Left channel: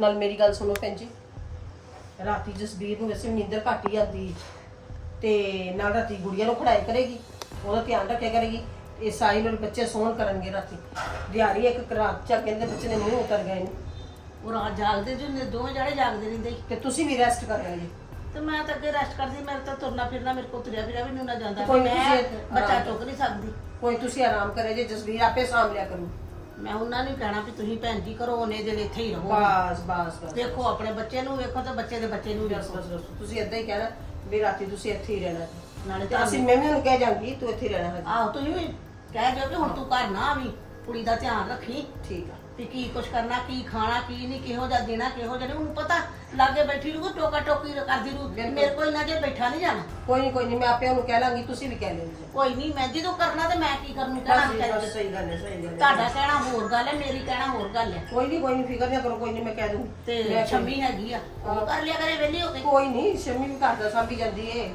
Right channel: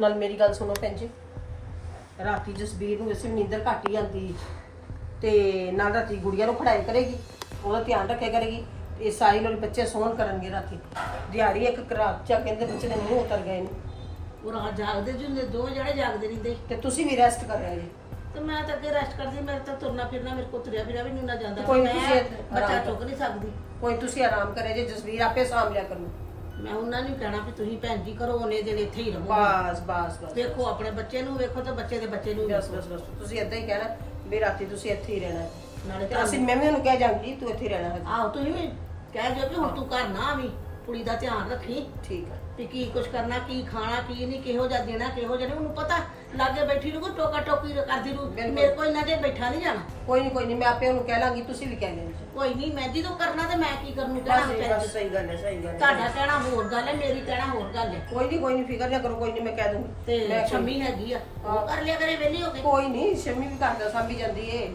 ਨਾਲ ਮੇਰੀ ਗੱਲ ਸੁਣੋ ਭੈਣ ਜੀ। ਰਾਤੀ ਜਸਬੀਰ ਨੂੰ ਵੈਸੇ ਵੀ ਨੀਂਦਰ ਘੱਟ ਹੀ ਆਉਂਦੀ ਤੇ ਨਾਲ ਰਾਤੀ ਗੁੜੀਆ ਨੂੰ ਖੜਾਈ ਕਰੇਗੀ ਉਹਦਾ ਧਿਆਨ ਰੱਖਿਆ ਕਰੇਗੀ ਇਹ ਸਾਰੀ ਲੋਕ ਬੱਚੇ ਸੌਣ ਕਰਨਗੇ ਰਾਤੀ। ਦਿਹਾੜੀ ਇੱਕ ਰਾਤ ਚੱਕ ਕਹਿੰਦੇ ਬੱਚੇ ਦੇ ਨਹੀਂ ਉਤਰ ਗਏ ਨੇ। ਉਹ ਰਾਤ ਜਾਗਦੇ ਜੀ ਹੁੰਦੇ ਦੋਵੇਂ ਜਣੇ ਜਾਗਦੇ ਰਹਿੰਦੇ। ਤੇ ਤੁਸੀਂ ਵੀ ਰੈਸਟ ਕਰ ਰਹੇ ਜੀ ਤੇ ਮੈਂ ਤਾਂ ਅੱਗੇ ਰੈਸਟ ਕਰਦੀ ਮੇਰੇ ਤਾਂ ਤੁਰਨਾ ਫਿਰਨਾ ਮੇਰੇ ਕੋਲ ਤੁਰਿਆ ਫਿਰਿਆ ਵੀ ਨਹੀਂ ਨਾ ਜਾਂਦਾ। ਕੋਈ ਨੀ, ਮੈਂ ਤੁਸੀਂ ਇੱਥੇ ਬੱਚਾ ਆਰਾਮ ਟੁੱਕ ਨਹੀਂ ਸਕਦੀ। ਕੋਈ ਤੁਸੀਂ ਆਰਾਮ ਕਰੇ ਜੇ ਜਸਬੀਰ ਆਪੇ ਸਾਂਭ ਲਿਆ ਕਰੂ ਮੈਂ ਉਹਨਾਂ ਨੂੰ ਕਹਿਣਾ ਵੀ ਤੁਸੀਂ ਭੈਣ ਜੀ ਕਰੋ ਉਹਨੇ ਜਿਹੜੇ ਇੱਥੇ ਹੀ ਰਹੋ ਬਸ ਬਸ ਬਸ ਵੇਖੋ ਆਪਣੇ ਬੱਚੇ ਨੂੰ ਵੇਖੋ ਤੇ ਬੱਚੇ ਦੇ ਬੱਚੇ ਨੂੰ ਬਸ ਬਸ ਬਸ। ਤੁਸੀਂ ਏਦਾਂ ਹੀ ਕਹਿਣਾ ਵੀ ਰਾਤੀ ਤੁਸੀਂ ਇੱਥੇ ਹੀ ਰਹਿਣਾ। ਨਾਲੇ ਤੇ ਅਸੀਂ ਮੈਂ ਵੀ ਉਹਨੂੰ ਕਹਿ ਜਾਂਗੀ ਤੂੰ ਇੱਥੇ ਹੀ ਰਹਿਣਾ ਹੈ। ਆਹੋ ਤੁਸੀਂ ਵੀ ਕਹਿ ਦਿਓ ਕਿ ਹੁਣ ਤੂੰ ਘਰ ਨਾ ਆਵੀਂ। ਕੁੜੀ ਦਾ ਧਿਆਨ ਰੱਖੀ। ਠੀਕ ਆ। ਤੇ ਕੀ ਕੁਛ ਕਰਨਾ ਕੀ ਖਾਣਾ ਕੀ ਨਹੀਂ ਕਿਹੋ ਜਿਹਾ ਦੇਣਾ ਕਿਹੋ ਜਿਹਾ ਨਹੀਂ। ਉਹਨੂੰ ਪਤਾ ਲਾਗੇ ਬੈਠੀ ਨੂੰ ਟੋਕਾ ਟੋਕੀ ਕਰਦੀ ਰੂ ਬਿਲਕੁਲ। ਮੇਰੇ ਕੋਲ ਨਾ ਜੇ ਬੈਠਾ ਨਹੀਂ ਜਾਣਾ। ਕੋਈ ਨਹੀਂ ਕੋਈ ਨਹੀਂ ਮੈਂ ਆਪੇ ਉਹਨੂੰ ਕਹਿ ਲਾਂਗੀ ਤੁਸੀਂ ਵੀ ਕਹਿ ਲੈਣੀ ਜੀ। ਕੋਈ ਨਹੀਂ ਮੈਂ ਜਦੋਂ ਕਰਨਾ ਤੇ ਮੈਂ ਕੀ ਕਰਨੂ ਕਹਿਣਾ ਬਸ ਵਿਚਾਰੀ ਬਸ ਸਹੀ ਗੱਲ ਹੈ ਸਹੀ ਗੱਲ ਹੈ। ਤੁਹਾਡਾ ਕਹਿਣਾ ਹੋਰ ਗੱਲ ਹੈ ਮੇਰੀ ਕਹਿਣਾ ਹੋਰ ਗੱਲ ਹੈ। ਕੋਈ ਨਹੀਂ ਕੋਈ ਨਹੀਂ ਫਿਕਰ ਨਾ ਕਰੋ ਕੋਈ ਨਹੀਂ ਮੈਂ ਕਹਿ ਦੂੰਗੀ ਤੇ ਮੈਂ ਛੰਮੀ ਹੈਗੀ ਆ ਉਹ ਕਰ ਲਿਆ ਕਰੇ ਵਿਹਲੀ ਹੋ ਕੇ। ਕੋਈ ਨਹੀਂ ਸ਼ਮੀ ਵੀ ਘਰ ਦਾ ਸਾਂਭੀ ਜਾਂਦੀ ਏ।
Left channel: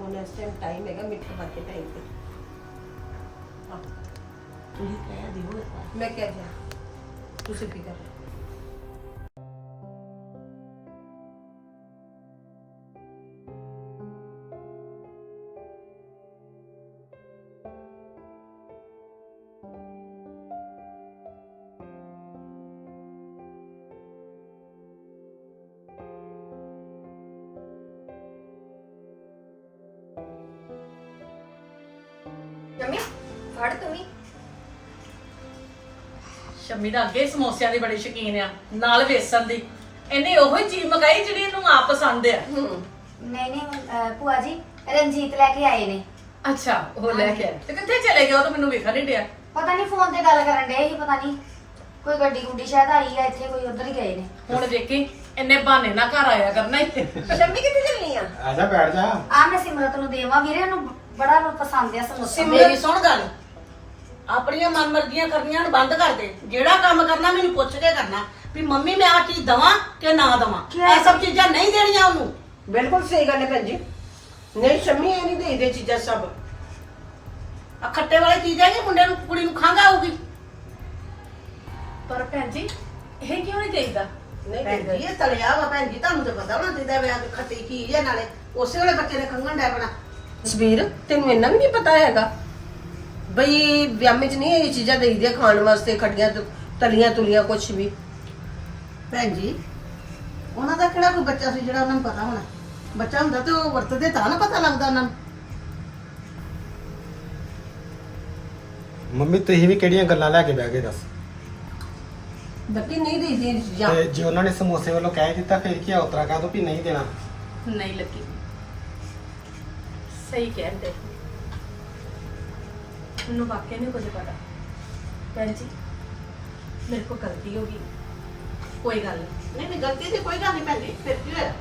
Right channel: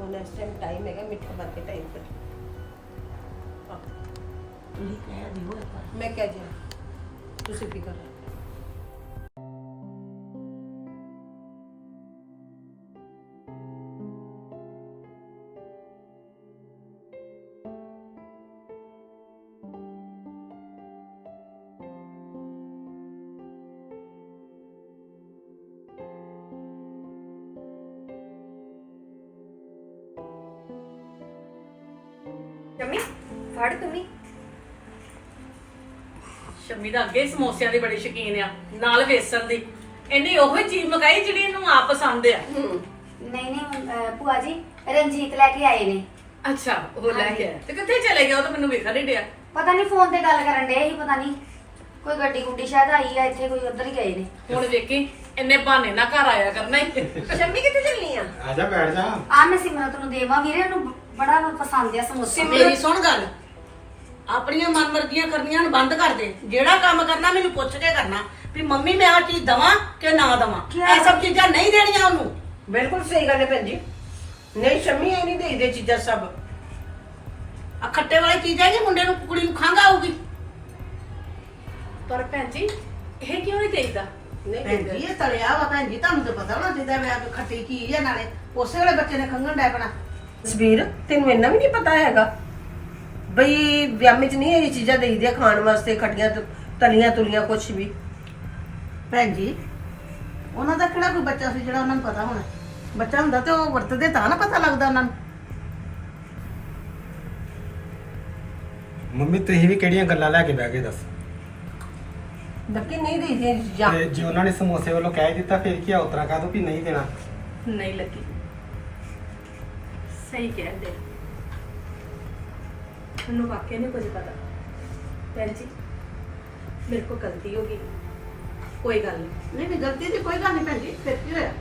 ਹੁਣ ਇਸ ਟਾਈਮ ਟਾਈਮ ਹੈਗਾ ਮਿੱਠਾ ਬਣ ਕੇ ਟਾਈਮ ਤੇ ਤੁਸੀਂ ਕਹਿ ਦਿਓ ਇੱਕ ਵਾਰ ਮੈਂ ਕਹਿ ਸ਼ਮੀ ਦਾ ਅੱਗੇ ਹੀ ਸਮੋਸਿਆਂ ਦੀ ਬੜੀ ਸ਼ੌਕੀਨ ਆ ਨਾਲ ਵੇਸਣ ਦੀ। ਇਹਨੇ ਉਹੋ ਹੀ ਚੀਜ਼ ਮਕਾਈ ਜਿਹੜੀ ਇਹਨੂੰ ਆਪ ਪਸੰਦ ਆ। ਨਹੀਂ ਨਹੀਂ ਅਹ ਭੂਆ ਜੀ ਰਣਜੀਤ ਲੈ ਕੇ ਆਏ ਨੇ। ਅੱਛਾ ਉਹ ਲੈ ਕੇ ਆਇਆ। ਤੇ ਕਿੱਥੇ ਚਲੇ ਗਏ ਉਹ ਤਾਂ ਮੈਨੂੰ ਵੇਖਣ ਨਹੀਂ ਡਿਆ। ਪਤਾ ਨਹੀਂ ਫੋਨ ਤੇ ਗੱਲ ਕਰਨ ਡਏ ਸੀ ਪਤਾ ਨਹੀਂ ਕੋਈ ਗੱਡੀ ਗੁੱਡੀ ਸ਼ਾਇਦ ਆਈ ਆ ਇੱਥੇ ਕੋਈ ਉਧਰ ਹੀ ਗਏ ਨੇ। ਹੁਣ ਵੇਖੀ ਇੰਨੇ ਬਹਾਨੇ ਨਾਲ ਘਰ ਆਇਆ ਕਰਨਾ ਹੀ। ਸ਼ਮੀ ਕਿੱਥੇ ਚੱਲਣੀ ਆ? ਆ ਜਾ ਬੈਠ ਜਾ। ਆ ਮੈਂ ਸਿਮਰਤ ਨੂੰ ਦੇਵਾਂ ਵੀਰੇ ਉਹਨੂੰ ਬੜਾ ਪਸੰਦ ਆ ਸਮੋਸਾ। ਮੇਰੀ ਸੁਣ ਗੱਲ। ਆਪਣੀਆਂ ਮਨਮਰਜ਼ੀਆਂ ਕਰਨੀਆਂ ਨੂੰ ਬੰਦ ਕਰ ਦੇ। ਜਿਹੜਾ ਕੰਮ ਕਰਨਾ ਮੈਨੂੰ ਪੁੱਛ ਕੇ ਕਰਨਾ ਵੀ ਮੰਮੀ ਮੈਂ ਆ ਚੀਜ਼ ਦਵਾਂ ਕਿ ਨਾ ਦਵਾਂ? ਕਿਆ? ਇਹ ਸਭ ਚੀਜ਼ਾਂ ਨਹੀਂ ਦੇਣੀਆਂ ਉਹਨੂੰ। ਬਿਲਕੁਲ ਸਹੀ ਗੱਲ ਹੈ ਭੈਣ ਜੀ। ਨਹੀਂ ਸ਼ਮੀ ਇਹ ਨਹੀਂ ਦੇਈਦੇ ਚੀਜ਼ਾਂ ਸਭ। ਆ ਖੱਟੇ ਵਾਲੀ ਚੀਜ਼ਾਂ ਜੀ ਮੁੰਡੇ ਨੂੰ ਕੁੜੀ ਨੂੰ ਖੰਘ ਆਊਗੀ? ਪਰ ਭੈਣ ਜੀ ਇਹ ਕਿਉਂ ਨਹੀਂ ਦੇਈਦਾ? ਨਹੀਂ ਭੈਣ ਜੀ ਦੇਈਦੇ ਇਹ ਤਲਿਆ ਵਾ ਭੈਣ ਜੀ ਤੁਹਾਨੂੰ ਤਾਂ ਪਤਾ ਹੋਣਾ ਆ ਵੀ ਖੱਟੀ ਚੀਜ਼ ਹੈ ਨਾਲੇ। ਉਸੇ ਵੇਲੇ ਬੱਚੇ ਨੇ ਖੰਘਣ ਡੈ ਪਣਾ। ਜਸਬੀਰ ਤੈਨੂੰ ਇੰਨਾ ਵੀ ਨਹੀਂ ਪਤਾ ਹੈਗਾ? ਬਈ ਵਿਆਹ ਚ ਨਹੀਂ ਇਹ ਚੀਜ਼ਾਂ ਦੇਈਦੀਆਂ ਖਾਣ ਵਾਸਤੇ ਖੱਟੀਆਂ ਤ- ਤਲੀਆਂ ਤੁਲੀਆਂ ਕੁਝ ਵੀ। ਭੈਣ ਜੀ ਉਹਨਾਂ ਦਾ ਕਿਹੜਾ ਕੋਈ ਬੱਚਾ ਸੀ ਜਿਹੜਾ ਉਹਨਾਂ ਨੂੰ ਪਤਾ ਹੋਣਾ? ਬੱਚਾ ਹੁੰਦਾ ਤੇ ਉਹ ਵਰਤਦੇ ਤਾਂ ਨਾ ਪਤਾ ਲੱਗਦਾ ਉਹਨਾਂ ਨੂੰ। ਮੰਮੀ ਤੁਸੀਂ ਵੀ ਕਿਹੜੀਆਂ ਗੱਲਾਂ ਲੈ ਕੇ ਬਹਿ ਗਏ ਦੱਸ? ਨੱਕੀ ਨਹੀਂ ਦੇਈਦੀਆਂ ਇਹ ਚੀਜ਼ਾਂ। ਤੇ ਜੇ ਉਹਨਾਂ ਨੇ ਸਮੋਸੇ ਵੱਲੋਂ ਕਹਿ ਦਿੱਤਾ ਫਿਰ ਕੀ ਆ? ਉਤਰਾ ਕਾ ਵੀ ਨਹੀਂ ਦੇਣਾ। ਨਹੀਂ ਲੱਗੀ। ਸਹੀ ਕਹਿੰਦੇ ਮੈਨੂੰ ਵਾਕਿਆ ਨਹੀਂ ਕੁਝ ਪਤਾ। ਭੈਣ ਜੀ ਮੇਰੇ ਕੋ ਗਲਤੀ ਹੋ ਗਈ। ਕੋਈ ਗੱਲ ਨਹੀਂ। ਨਹੀਂ ਨਹੀਂ ਗਲਤੀ ਦੀ ਕੋਈ ਗੱਲ ਨਹੀਂ ਭੈਣ ਜੀ ਫਿਰ ਕੀ ਹੋਇਆ?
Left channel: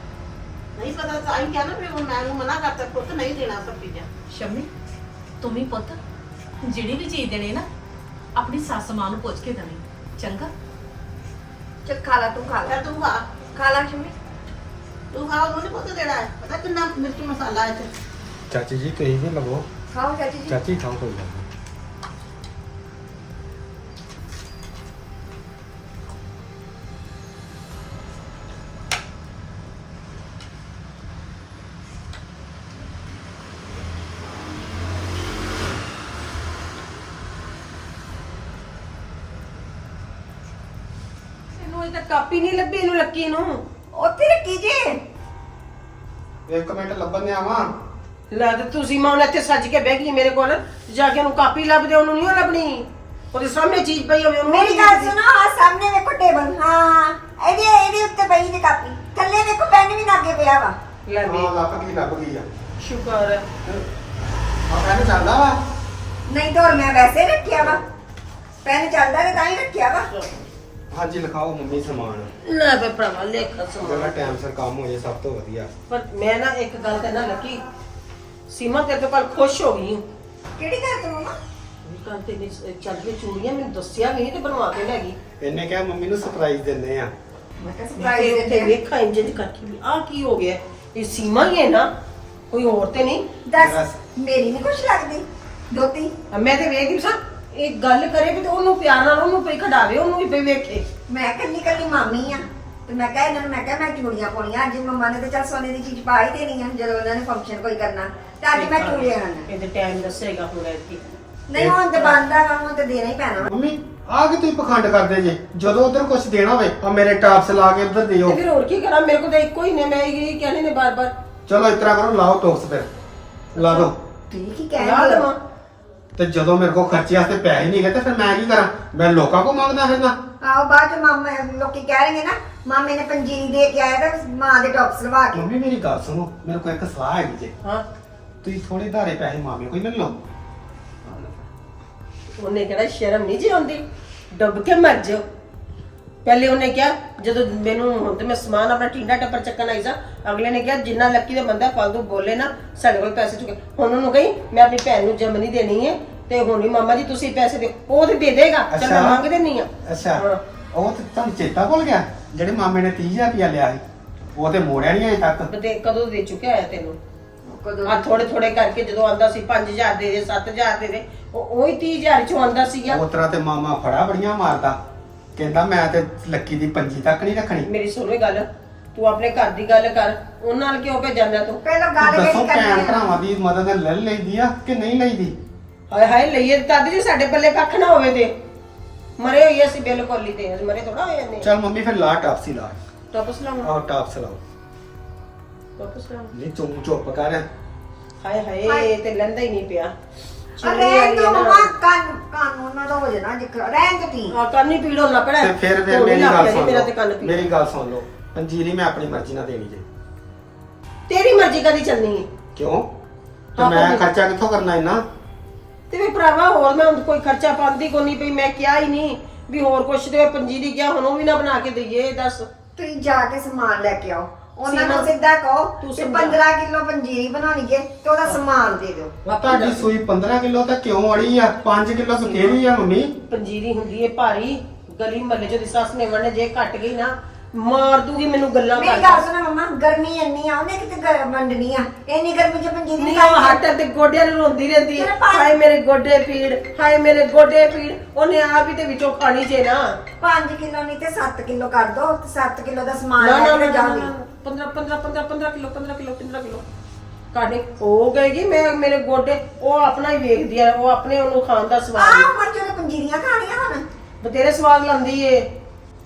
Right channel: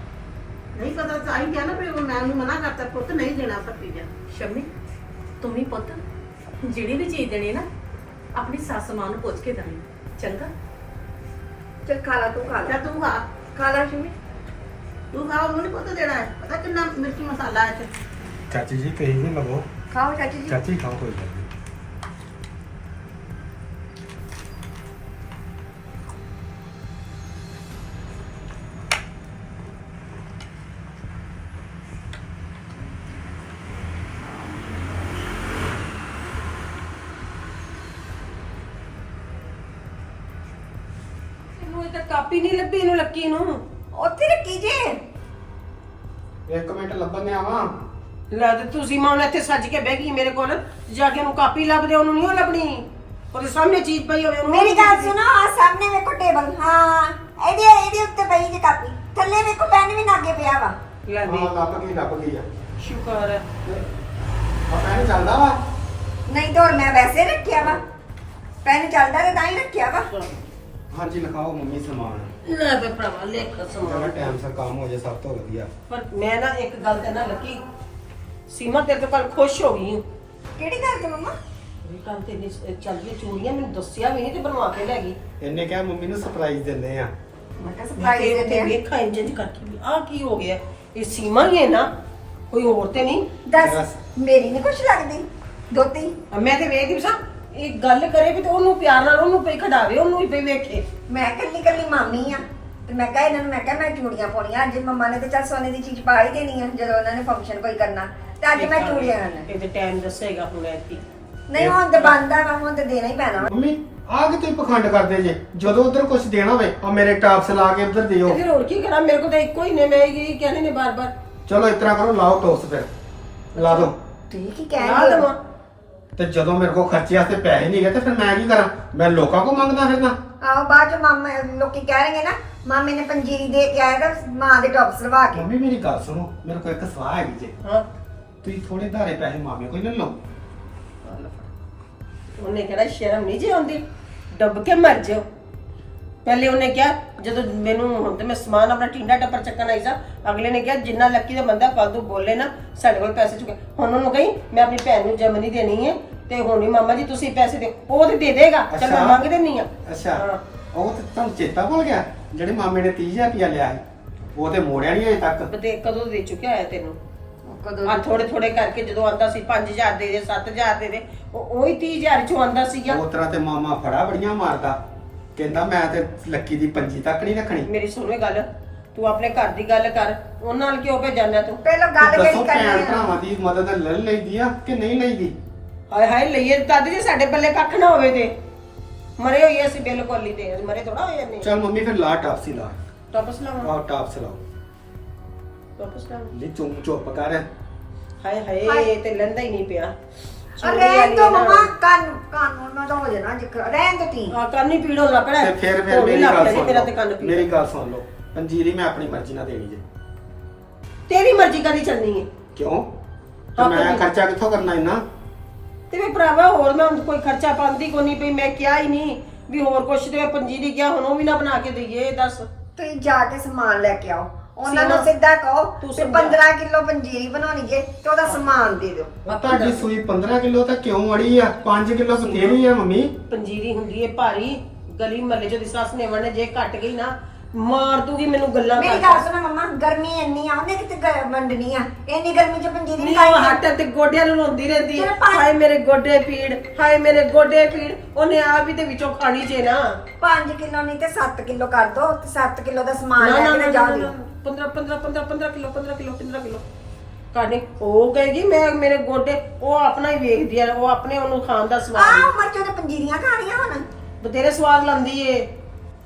ਨਹੀਂ ਪਤਾ ਤਾਂ ਆਈ ਕਿਹਾ ਨਾ ਵੀ ਉਹ ਮੈਂ ਨੂੰ ਮਨਾ ਕਰਤਾ ਪੁੱਤ ਨਹੀਂ ਦੇਣਾ ਸਭ ਚੀਜ਼ਾਂ ਸ਼ਮੀ ਤੂੰ ਵੀ ਪੁੱਤ ਜਿਹੜੀ ਵੀ ਚੀਜ਼ ਦੇਣੀ ਨਾ ਆਪਣੀ ਸੱਸ ਮਾਂ ਨੂੰ ਪੁੱਛ ਕੇ ਦੇਣੀ। ਚੰਗਾ? ਚੱਲ ਖਾ ਲਾ ਤੂੰ ਖਾ ਕਿਆ ਤੂੰ ਖਾ। ਖਾ ਲਾ ਸ਼ਮੀ। ਤੂੰ ਖਾ ਉਹਨੂੰ ਨਹੀਂ ਪੁੱਤ ਦੇਣਾ ਹੈ। ਪਤਾ ਕਿੰਨਾ ਮਿਰਚ ਮਸਾਲਾ ਹੈ ਚ ਚਾਚੀ ਜੀ ਤੁਸੀਂ ਵੀ ਲਵੋ। ਖਾਓ ਚਾਚੀ ਜੀ। ਚਾਚੀ ਖਾਓ ਕੋਈ ਗੱਲ ਨਹੀਂ। ਕਾਪੀ ਨਹੀਂ ਲੱਭੀ ਇਹਨੂੰ ਲੱਕੀ ਨੂੰ। ਉੱਥੇ ਰੱਖੀ ਜੇ। ਇੱਕ ਮਿੰਟ ਲੱਭਣ ਦੇ ਆਵਾਂ ਲੈ ਤੇ ਤੁਸੀਂ ਮਾਂ ਹੁਣ ਇੱਥੇ ਸੱਜ ਕੇ ਬਹਿ ਗਈ ਮੇਰੇ ਕੋਲ ਜਾ ਕੇ ਉਹਨੂੰ ਕਾਪੀ ਲੱਭਦੇ ਉਹਨੂੰ ਨਹੀਂ ਉਹ ਲੱਭਣੀ। ਉਹਦੇ ਸਾਹਮਣੇ ਚੀਜ਼ ਪਈ ਹੋਵੇ ਉਹਨੂੰ ਮੇਰੀ ਗੱਲ ਸੁਣੋ ਆ ਸਾਹਮਣੇ ਵੇਖੋ ਟੇਬਲ। ਹਾਂ ਇਹਦੇ ਇਹਦੇ ਉੱਤੇ ਪਈ ਜੇ ਕਾਪੀ। ਥੱਲੇ ਵੇਖੋ ਪੈਨ ਵੀ ਲਾਗੇ ਪਿਆ ਵਾ। ਲੈ ਵੀ। ਹਾਂ ਲੱਭ ਗਈ ਲੱਭ ਗਈ ਆ। ਸ਼ੁਕਰ ਹੈ ਆ ਕਹਿੰਦਾ ਚੱਲਦਾ ਵਾ? ਨਹੀਂ ਹੋਰ ਮੈਂ ਵੈਸੇ ਰੱਖਿਆ ਵਾ। ਪੈਨ ਚੱਲਦਾ ਤੇ ਤਾਂ ਹੀ ਰੱਖਿਆ ਵਾ। ਹਾਂਜੀ ਲਿਖਾਓ ਮੰਮੀ ਸਮਾਨ। ਲੈ ਬੇ ਭਰਾਵਾ ਲੇਖ ਜਿਹੜਾ ਸਮਾਨ ਟਾਈਮ ਸਿਰ ਕੰਮ ਹੋ ਜਾਏ ਸਭ ਤੋਂ ਵਧੀਆ। ਪਰ ਮੈਂ ਨਾ ਇੱਕ ਗੱਲ ਤੇ ਨਾ ਲੱਕੀ ਸੀਮਾ ਤੇਰੇ ਤੋਂ ਕੱਲ ਖੁਸ਼ ਹੋ ਗਈ ਹੂੰ। ਕਿਹੜੀ ਗੱਲ ਤੋਂ ਮਮਾ? ਵੀ ਕੱਲ ਤੇ ਚੱਲ ਗਈ ਚੂੜੀਆਂ ਮੈਨੂੰ ਦੱਸਿਆ ਵੀ ਨਹੀਂ ਤੇ ਬਣਵਾ ਕੇ ਲੈ ਗਈ। ਇਹਨੇ ਕਿਹਾ ਮੰਮੀ ਨੂੰ ਸਰਪ੍ਰਾਈਜ਼ ਦਿੰਦੇ ਆ। ਮੈਂ ਕਿਹਾ ਤੇ ਸਰਪ੍ਰਾਈਜ਼ ਦੇ ਵੇਖਾਂ ਇੰਜ ਦੀ ਕਰਕੇ ਵੀ ਆਹ ਕੀ ਹੋ ਗਿਆ। ਇਹ ਸੀਮਾ ਹੀ ਹੈ ਨਾ ਕੋਈ ਹੋਰ ਤੇ ਨਹੀਂ। ਦੱਸ ਮੇਰੀ ਨਹੀਂ ਕੁਛ ਲੱਗਦੀ ਦੋਤੀ। ਮੈਂ ਤੇ ਵੇਖਦੀ ਸਾਂ। ਇਹ ਗੱਲ ਕਰੇ ਵੀ ਤੇ ਉਹਨੂੰ ਪਿਆਰ ਨਾਲ ਉਹਨੂੰ ਪਈ ਖੜਾਵੇ ਉਹਨੂੰ ਹੀ ਪਈ ਵੇਖੇ। ਮੈਂ ਕੱਲੀ ਕੱਲੀ ਮਾਮੀ ਆ ਤੇ ਮੈਂ ਕਿਹਾ ਇਹਨਾਂ ਨੂੰ ਮੈਂ ਕਿਹਾ ਮੈਂ ਚੂੜੀਆਂ ਪਾਉਣੀਆਂ ਅੱਜ ਮੰਮਾ ਨੇ ਤੇ ਚੱਲ ਸੋਨੇ ਦੀ ਚੀਜ਼ ਪਾ ਹੀ ਦੇਣੀ ਆ ਜਦੋਂ ਉਹਨਾਂ ਨੇ ਫੰਕਸ਼ਨ ਕੋਈ ਕਰਨਾ। ਤੇ ਅੱਜ ਮੈਂ ਚੂੜੀਆਂ ਕਰਨਾ ਇਹਦੇ ਟਾਈਮ ਦੱਸੇਗਾ ਹੁਣ ਐਤਕੀ ਨਹੀਂ ਹੁਣ ਤੇ ਬੰਦਾ ਵਾ ਹੁਣ ਤੇ ਦੇਣਾ ਹੀ ਪੈਣਾ ਮੰਮੀ ਆ ਕਿ ਤੁਸੀਂ ਪਖੰਡ ਕਰਦੇ ਜੇ? ਜਦੋਂ ਉਧਰ ਕੁਝ ਦੇਣਾ ਹੋਵੇ ਆ ਮੇਰੇ ਟਾਪਸ ਲਾ ਕੇ ਉਧਰ ਦਿਓ। ਤੇ ਫਿਰ ਹੋਰ ਕੀ ਕਰਾਂ? ਮੇਰੇ ਕੋਲ ਤਾਂ ਇੱਕੋ ਹੀ ਨੇ ਮੈਂ ਇਹ ਕਹਿੰਦੇ ਨੇ ਬਾਰ-ਬਾਰ। ਚਲੋ ਇਸ ਤਰ੍ਹਾਂ ਕਰੋ ਲਾਓ ਟੋਸ ਫਿਰ। ਲਾ ਦੋ। ਠੀਕ ਹੀ ਲਾ ਕਹਿ ਦੇਵਾਂ। ਤੇ ਜਦੋਂ ਮੇਰੇ ਕੋਲ ਖਰਚੇ ਵਾਸਤੇ ਪੈਸੇ ਨਹੀਂ ਗਏ ਤੇ ਫਿਰ ਮੈਂ ਕੀ ਕਰਾਂ? ਮੈਂ ਲੋਕਾਂ ਕੋਲ ਮੰਗਦਾ ਫਿਰਨਾ ਆਓ ਬਾਅਦ ਚ ਮਾਮਾ ਲੋਕੀ ਕਹਿ ਰਹੇ ਨਾ ਮਾਮੇ ਨੇ ਪੰਜੀਰੀ ਦੇ ਕੇ ਆਇਆ ਤਾਂ ਮਾਂ ਦੇ ਟੌਪਸ ਲਵਾ ਕੇ। ਮੰਮੀ ਮੇਰੀ ਗੱਲ ਸੁਣੋ ਮੇਰੇ ਕੋਲ ਇੱਕ ਸਲਾਹ ਹੈਗੀ ਜੇ। ਹਾਂ। ਤੁਸੀਂ ਥੋੜੇ ਧਾਰੇ ਪੈਸੇ ਮਾਮੇ ਕੋਈ ਲੈ ਲਓ। ਉਹਨੇ ਕਿਹੜਾ ਸ਼ਰਮ ਨਹੀਂ ਜੀ ਆਉਂਦੀ। ਡੁੱਬ ਕੇ ਮਰ ਜਾਓ। ਪਹਿਲੇ ਉਹਨੇ ਕਿਹਾ ਜਦੋਂ ਮੈਨੂੰ ਹੁਣ ਤੇ ਮੈਂ ਸਮਾਨ ਆਪਣਾ ਟਿੰਡਾ ਟੱਪਰ ਚੱਕਣ ਆਈ ਸਾਂ ਅਗਲੇ ਨੇ ਕਿਹਾ ਜਿੰਨਾ ਲੱਕੀ ਦਾ ਬੰਦਾ ਫालतू ਬੋਲੇ ਨਾ ਸਾਡੇ ਕੋਲ ਪੈਸੇ ਚੁੱਕੇ ਹੁਣ ਉਹਨੂੰ ਕਹੀ ਮੈਂ ਆਪਣੀ ਭੈਣ ਨੂੰ ਜਮਨੀ ਦੇਣੀ ਹੈ ਤੇ ਹੁਣ ਹੀ ਮਾਮਾ ਜੀ ਤੁਸੀਂ ਪੈਸੇ ਦਿਓ ਉਹ ਤੇ ਦੇ ਦੇਗਾ ਚੱਲ ਮੈਂ ਅੱਛਾ। ਮੰਗ ਦੇਣੀ ਆ। ਅੱਛਾ। ਹਾਂ। ਉਹ ਤੇ ਤੁਹਾਨੂੰ ਚੇਤਾ ਭੁੱਲ ਗਿਆ ਜਿਹੜੇ ਮਾਮੇ ਨੇ 30000 ਰੁਪਇਆ ਲਿਆ ਸੀ ਉਹ ਤੇ ਮੋੜਿਆ ਨਹੀਂ ਅਜੇ ਤੱਕ। ਤੇ ਕਦੋਂ ਦੇ ਚੁੱਕਿਆ ਹੋਇਆ ਤੈਨੂੰ? ਕਦੋਂ ਆ ਥੋੜੇ ਥੋੜੇ ਕਰਕੇ ਜਦੋਂ ਆਂਦਾ ਸੀ 5000 ਦੇ ਦੇ 7000 ਦੇ ਦੇ ਉਹ ਉਹੀ 30000 ਚੋਂ ਆਂਦਾ ਸੀਗਾ। ਉਸ ਤਰ੍ਹਾਂ ਤੇ ਮਾਮਾ ਫੜਾ ਬੜੀਆਂ ਮਾਰਦਾ। ਕਹਿੰਦਾ ਮੈਂ ਤੇ ਲੱਕੀ ਦੀ ਪੰਜੀ ਤੱਕ ਨਹੀਂ ਰੱਖਣੀ। ਮੇਰੀ ਸੁਣੋ ਇਹ ਗੱਲ ਤੂੰ ਆਪਣੇ ਘਰ ਦੀ ਗੱਲ ਕਰ ਉਹਨਾਂ ਨਾਲ ਕਿਉਂ ਭੇਜਣਾ ਤੂੰ? ਪਹਿਲਾਂ ਗੱਲ ਦੱਸੋ ਕਿਹੜੀ ਭੈਣ ਕਰਨੀ ਆ ਭਰਾਵਾਂ ਦੀ ਮਦਦ ਲੈ ਲਈਦੀ ਆ ਕਿ ਨਹੀਂ ਲਈਦੀ? ਹਾਏ ਹਾਏ ਲਈਏ ਤਦ ਜੇ ਸਾਡੇ ਪੱਲੇ ਕੱਖ ਨਾ ਹੋਵੇ ਤੇ। ਮਰੇ ਹੋਈ ਅਸੀਂ ਬਿਲਕੁਲ ਹੀ ਤੇ ਮਰੇ ਥੋੜਾ ਹੋਏ ਨੇ ਚਲ ਮੰਮੀ ਫਿਰ ਲਾ ਟਾਪਸੀ ਲਾ। ਟੋਪਸ ਲਾਵਾਂ? ਆਹ ਟਾਪਸ ਲਾਓ। ਟੋਪਸ ਲਾਵਾਂ? ਨਹੀਂ ਤੂੰ ਚੁੱਪ ਕਰ। ਹਾਏ ਹਾਏ ਤੇ ਲੈਂਦਾ ਹੀ ਨਹੀਂ ਪਿਆ। ਰਹਿਣ ਵਾਲੀ ਤੋਂ ਹੈ ਨਾ। ਮਮਾ ਕੰਨ ਕੰਨ ਉਹਨਾਂ ਦਾ ਹੋ ਜਾਣਾ ਜਿੱਕ ਰਹਿਣ ਤੋਂ ਤੀ ਆ ਕੰਨ ਹੀ ਪੀੜ ਹੋਣ ਲੱਗ ਪਿਆ ਤੇ ਫਿਰ ਫਿਰ ਹੁਣ ਵੀ ਮੇਰੀ ਲੱਗ ਗੱਲ ਪਿਆ ਜੀ, ਸੁਣ ਮੇਰਾ ਤੇ ਕੰਨ ਲਓ ਪੀੜ। ਮੇਰੀ ਗੱਲ ਸੁਣ ਲਓ। ਪੰਜੀਰੀ ਮੈਂ ਆਪਣੀ ਮਰਜ਼ੀ ਨਾਲ ਦੇਣੀ ਜੇ। ਤੇਰੀ ਮਰਜ਼ੀ ਕਦੀ ਚੱਲਣੀ ਹੈ ਕਿਉਂ? ਤੇ ਹਾਂ, ਮੈਂ ਪੰਜੀ- ਖਰਚਾ ਕਿੱਥੋਂ ਕਰਨਾ ਇੰਨਾ? ਤੇ ਵੀ ਭਰਾਵਾ ਹੋਰ ਮੈਂ ਹੁਣ ਕੋਈ ਖਰਚਾ ਪਾਉਂਦੀ ਕੋ ਨਹੀਂ ਪਈ ਮੈਂ ਕਿਹਾ ਹੀ ਨਹੀਂ ਵੀ ਹੋਰ ਕੁਛ ਤੇ ਪੰਜੀਰੀ ਕਿਹਾ ਹੁਣ ਉਹ ਵੀ ਨਾ ਬਣਾ ਕੇ ਦਈਏ ਦੱਸ। ਤੁਸੀਂ ਜਾ ਕੇ ਸਮਾਨ ਲੈ ਕੇ ਆਓ। ਉਹਨਾਂ ਨੂੰ ਸਿੱਧਾ ਕਹੋ ਤੂੰ ਤੇ ਸਮਝਾ। 15 ਕਿਲੋ ਪੰਜੀਰੀ ਬਣਾਉਣੀ ਜੇ ਤੇ ਉਹਦਾ ਸਮਾਨ ਦੇ ਦਿਓ। ਆ ਤੁਹਾਡੀ ਸੂਈ 15 ਕਿਲੋ ਤਾਂ ਕਿਉਂ ਅੜੀ ਆ? 5 ਕਿਲੋ ਤਾਂ ਫੇਰ ਵੀ ਆ ਮੰਮੀ। ਪੰਜੀਰੀ ਹੁੰਦੀ ਏ ਭਾਰੀ ਗਲੀ ਮਹੱਲੇ ਚ ਦੀ ਸੱਸ ਨੇ ਵੜਨੇ ਜੇ ਘਟ ਗਈ ਨਾ ਮਾਰ ਦੂਗੀ ਮੈਨੂੰ ਗੱਲਾਂ ਮੇਰੀ ਕਰ ਗੱਲ ਸੁਣੋ ਮਮਾ ਗਰਮੀ ਇੰਨੀ ਆ ਉਹਨੇ ਕਿਤੇ ਵੰਡਣੀ ਆ? ਇੰਨੀ ਗਰਮੀ ਚ ਪੰਜੀਰੀ ਨਹੀਂ ਖਾਈ ਉਹ ਹੱਟ ਤੇ ਗੋਡਿਆਂ ਨੂੰ ਰੋਂਦੀ ਰਹਿੰਦੀ ਹਾਏ ਮੇਰੇ ਗੋਡੇ ਪੀੜ ਹਾਏ ਮੇਰੇ ਗੋਡੇ ਪੀੜ ਉਹਨੇ ਆਪ ਹੀ ਤੇ ਵਿੱਚੋਂ ਖਾਣੀ ਜੇ ਨਾ। 5 ਕਿਲੋ ਨਹੀਂ ਤੇ 7 ਕਿਲੋ ਕਰ ਦੋ ਤੇ 7 ਕਿਲੋ ਦਾ ਸਮਾਨ ਲੈ ਕੇ ਨਾ ਜਾ 15 ਦਿਓ 15 15 15 15 ਕਿਲੋ 15 ਕਿਲੋ। 15 ਕਿਲੋ ਕਾਹਨੇ ਉਹ ਕਹੇਗੀ ਮੈਂ ਮੇਰੇ ਗੋਡੇ ਉਹ ਆਪਣਾ ਹੀ ਵੇਖਦੀ ਆ ਉਹ ਆਪਣੇ ਉਹਨੂੰ ਖਾਣ ਦਾ ਸਵਾਦ ਆਹ ਏ। ਉਮਰ ਚ ਉਹਨੇ ਪੰਜੀਰੀਆਂ ਖਾਣੀਆਂ ਹੁਣ। ਬਤੇਰੇ ਸਵਾਦ ਲੰਦੀ ਏ।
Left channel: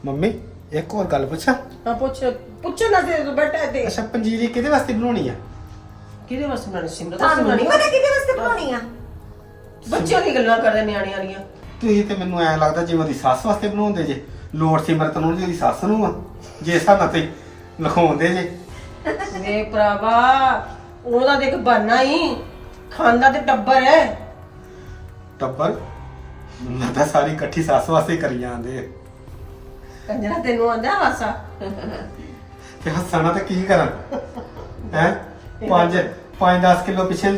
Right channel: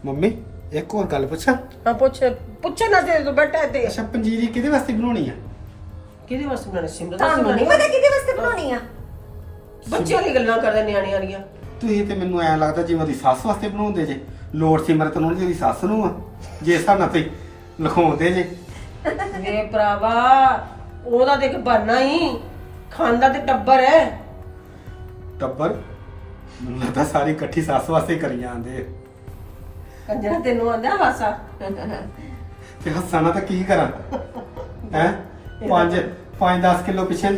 ਮੰਮੀ ਇੱਕ ਹੋਰ ਗੱਲ ਪੁੱਛਾਂ? ਮੈਂ ਪੁੱਛ ਪੁੱਛਣਾ ਤੇ ਤੂੰ ਬੈਠਾ ਤੇ ਅੱਛਾ ਪੰਜੀਰੀ ਕਿਹਦੇ ਵਾਸਤੇ ਬਣਾਉਣੀ ਆ? ਕਿਹਦੇ ਵਾਸਤੇ ਬਣਾਣੀ ਸਿਮਰਤ ਤੁਹਾਨੂੰ ਨਹੀਂ ਪਤਾ ਕਿਹਦੇ ਵਾਸਤੇ ਬਣਾਉਣੀ ਆ? ਬੱਚਿਆਂ ਦੀ ਗੱਲਾਂ ਕਰਦੇ ਨਿਆਣਿਆਂ ਦੀਆਂ। ਤੁਸੀਂ ਤੇ ਮੈਨੂੰ ਐ ਲੱਗਦਾ ਜਿਵੇਂ ਉਹਦੀ ਸੱਸ ਵਾਸਤੇ ਬਣਾਉਂਦੇ ਜੇ। ਲੋੜ ਸਿਮਰਤ ਨੂੰ ਜਿਹੜੀ ਸੱਸ ਨੂੰ ਆ। ਜੇ ਹਿਸਾਬ ਨਾਲ ਤੇ ਲਿਖਾਉਂਦੇ ਜੇ। ਵੇ ਭਰਾਵਾ ਉਹਦਾ ਦੇਖ ਬਹਾਨਾ ਹੀ ਖਾਂਦਾ ਤੇ ਟੱਬਰ ਹੈ। ਟੱਬਰ? ਮੈਨੂੰ ਲੱਗਦਾ ਸਾਰੀ ਇਕੱਠੀ ਸੱਸ ਵਾਸਤੇ ਹੀ ਕਰੀ ਜਾਂਦੇ। ਕੰਜਰਾ ਤੈਨੂੰ ਆਂਦਾ ਹਾਸਾ? ਤੇ ਹੱਸਣਾ ਤਾਂ ਕੀ ਕਰਾਂ? ਹੈ? 5 5-10 ਕਿਲੋ ਪਿੱਛੇ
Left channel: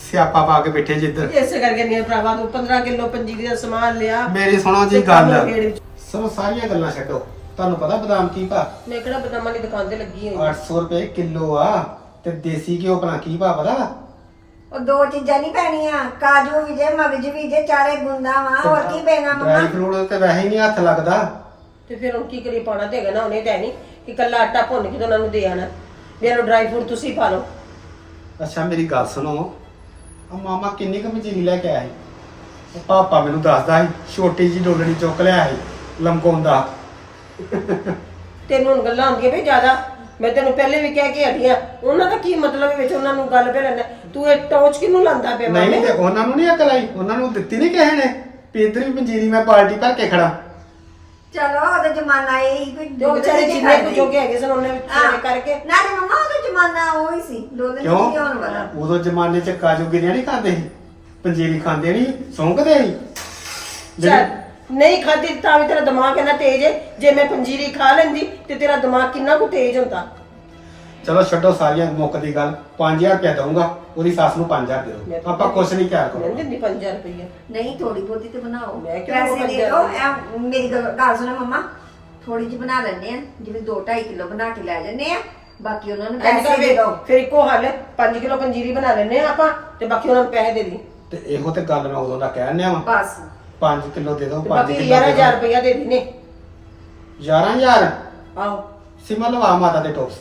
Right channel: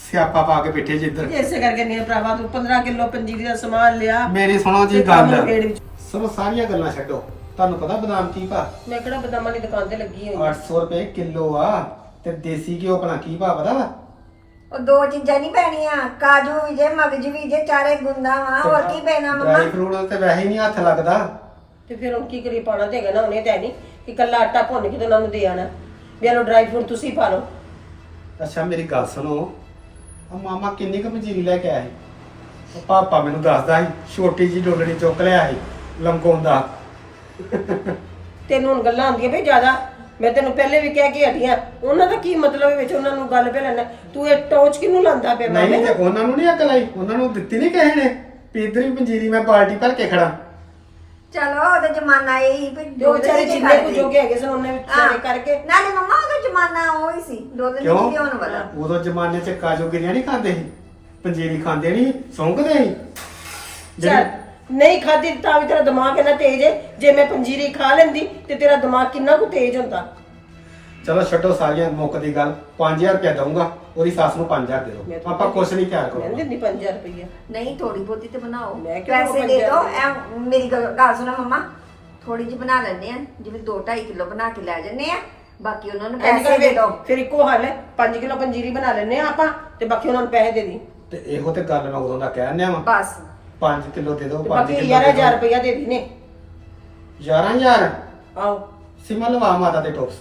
ਸਿਆਪਾ ਪਾ ਕੇ ਬੈਠੇ ਜਿੱਧਰ। ਇਸੇ ਕਰਕੇ ਨਹੀਂ ਭਰਾਵਾ ਤੂੰ 15 ਕਿਲੋ ਪੰਜੀਰੀ ਦਾ ਸਮਾਨ ਲਿਆ ਮੇਰੀ ਸੁਣੋ ਜੀ ਤੇ ਕੰਮ ਗੱਲ। ਵਿੱਚ। ਸਭ ਸਾਰੀਆਂ ਗੱਲਾਂ ਛੱਡੋ। ਤੁਹਾਨੂੰ ਪਤਾ ਬਦਾਮ ਕੀ ਭਾ? ਮੈਂ ਕਿਹੜਾ ਬਦਾਮਾਂ ਦੀ ਦੁਕਾਨ ਤੇ ਲੱਗੀ ਹੋਈ 800 ਰੁਪਏ ਕਿਲੋ ਆ ਤੇ ਦੇਸੀ ਘਿਓ ਭਲਾ ਕੀ ਭਾ ਪਤਾ? ਵਾ ਉਹ ਦੋ ਚੀਜ਼ਾਂ ਨਹੀਂ ਪੈਣੀਆਂ ਕਾਜੂ ਵੀ ਜੇ ਮਗਜ ਵੀ ਜੇ ਚਾਰੇ ਗੁੰਦਾ ਵਾ ਹੋਰ ਕੀ ਪੈਣਾ ਮੰਮਾ? ਡਰਾਈ ਫਰੂਟ ਤੇ ਵੈਸੇ ਹੀ ਨਹੀਂ ਹੱਥ ਲੱਗਦਾ। ਤੇ ਫਿਰ ਹੁਣ ਕੀ ਕਰੀ ਪਾਣਾ ਦੇਗਾ ਨਾ ਉਹਨੇ ਤਾਂ ਨਹੀਂ ਕਿ ਕੱਲਾ ਆਟਾ ਭੁੰਨ ਕੇ ਤੇ ਉਹਨਾਂ ਨੂੰ ਦੇ ਆਣਾ ਵੀ ਇਹਨੂੰ ਡਰਾਈ ਫਰੂਟ ਤੁਸੀਂ ਪਾ ਲਓ। ਅੱਛਾ ਮੇਰੀ ਗੱਲ ਸੁਣੋ। ਆ ਮਾਮਾ ਕਿੰਨੀ ਕੁ ਮਜੀਰੀ ਲੈ ਕੇ ਆਇਆ ਸੀ। ਉਹ ਪਾਪਾ ਮੈਨੂੰ ਦੱਸਦਾ ਸੀ ਛੋਟੀ ਜੀ ਡੋਲਣੀ ਚੁੱਕ ਲਿਆ ਸੀ ਲਮਕਾਉਂਦਾ ਤੈਨੂੰ ਹੁਣ ਗੱਲਾਂ ਆਉਂਦੀਆਂ ਭਈ ਜ਼ਿਆਦਾ। ਮੈਂ ਤੈਨੂੰ ਪਹਿਲੇ ਵੀ ਕਹਿ ਕੇ ਹਟੀਆਂ ਉਹਨਾਂ ਦਾ ਕੀ ਮਤਲਬ ਹੈ ਵਿੱਚ ਉਹਨਾਂ ਨੂੰ ਗੱਲ ਪੈ ਲੈਣਾ ਤੂੰ ਇਹ ਟੌਚ ਕਿਹਨੂੰ ਲਾਂਦਾ ਪਿਆ ਮਾਮੇ? ਨਹੀਂ ਤੇ ਉਹਨਾਂ ਨੂੰ ਨਹੀਂ ਅਕਲ ਆਈ। ਉਹਨਾਂ ਨੂੰ ਦਿੱਤੀ ਨਹੀਂ ਕਿਸੇ ਨੇ ਵੀ ਇੱਧਰ ਵੀ ਪੰਜੀਰੀ ਮੈਂ ਬਾਲਟੀ ਭਰ ਕੇ ਖੜਾ। ਚਲੋ ਉਹਦਾ ਜ਼ਮਾਨਾ ਇਹ ਹੀ ਵੀ ਤੇ ਉਹ ਵਿਚਾਰੇ ਡੋਲਣੇ ਜਿੰਨੇ ਕੁ ਕਰਦੇ। ਜੋਗੇ ਹੈਗੇ ਸਨ ਉਹਨੇ ਵਿਚਾਰੇ ਹਾਂ। ਕਰਕੇ। ਨਾਲੇ ਮੰਮਾ ਉਹਦਾ ਜ਼ਮਾਨਾ ਉਹ ਹੀ ਸੀ ਡੋਲਣੇ ਕਿਉਂ? ਨਹੀਂ ਹੋਣ ਵਾਲਾ। ਉਦੋਂ ਜ਼ਮਾਨੇ 'ਚ ਕਾਜੂ ਗਿਰੀਆਂ ਨਹੀਂ ਖਾਂਦੇ ਸੀ। ਪੰਜੀਰੀ ਖਾਂਦੇ ਨਹੀਂ ਸੌਂਕਦੇ ਸੀ। ਚੱਲ। ਨਹੀਂ ਖਾਦੀ ਤਾਂ ਵੀ ਤੇਰਾ ਦਿਮਾਗ ਇੰਨਾ ਤੇਜ਼ ਹੈ ਜੇ ਮੈਂ ਪੰਜੀਰੀ ਖਾ ਲੈਂਦੀ ਤੇ ਤੇਰਾ ਦਿਮਾਗ ਕਿੰਨਾ ਕੁ ਤੇਜ਼ ਹੁੰਦਾ। ਚਲੋ ਛੱਡੋ ਸਾਰੀਆਂ ਮੁੱਕ ਦੀ ਗੱਲ 5000 ਰੁਪਇਆ ਦਊਂਗਾ ਉਹਦੀ ਸੱਸ ਨੂੰ 5000 ਦੇ ਮੈਂ ਦਿਓ ਤਾਂ ਆਪਾਂ ਕੁਛ ਨਹੀਂ ਤਿਆਰ ਮੈਂ ਕਰੋ ਨਹੀਂ ਦਿੰਦੀ 5000 ਰੁਪਈਆ। ਨਹੀਂ ਥੋੜੀ ਬਹੁਤੀ ਤੇ ਬਣਾਓ। ਮੈਂ ਕਿਉਂ ਪੈਸੇ ਦੇ ਦਿਓ? ਐ ਮੇਰੀ ਗੱਲ ਗੱਲ ਸੁਣੋ ਮੰਮਾ ਥੋੜੀ ਜਿਹੀ ਬਣਾ ਲੈਣੇ ਆ ਜਿਵੇਂ 2.5 ਕਿਲੋ ਬਣਾ ਕੇ ਲੈ ਜੰਨੇ ਆ ਬਾਕੀ ਉਹਨਾਂ ਨੂੰ ਪੈਸੇ ਦੇ ਦਿਓ। ਫਿਰ ਇੱਕੋ ਹੱਲ ਹੈ 5 ਕਿਲੋ ਪੰਜੀਰੀ ਬਣਾ ਲੈਨੇ ਆ ਆਪਾਂ ਤੇ ਬਾਕੀ ਉਹਨਾਂ ਨੂੰ ਪੈਸੇ ਦੇ ਦੀ ਤੇ ਇਹੋ ਤੇ ਗੱਲ ਮੈਂ ਉਦੋਂ ਦਾ ਕਹਿਣ ਡਿਆ ਵਾਂ। ਬਸ। 5 ਕਿਲੋ ਦੇ ਦਿਓ ਤੇ 5 ਬਾਕੀ ਕਿਲੋ 11000 ਰੁਪਈਆ ਦੇ ਦੀ ਨੇ 11000 ਆਓ ਸਿਮਾ ਲਵਾ ਮਾਤਾ ਦੇ ਟੋਪਸ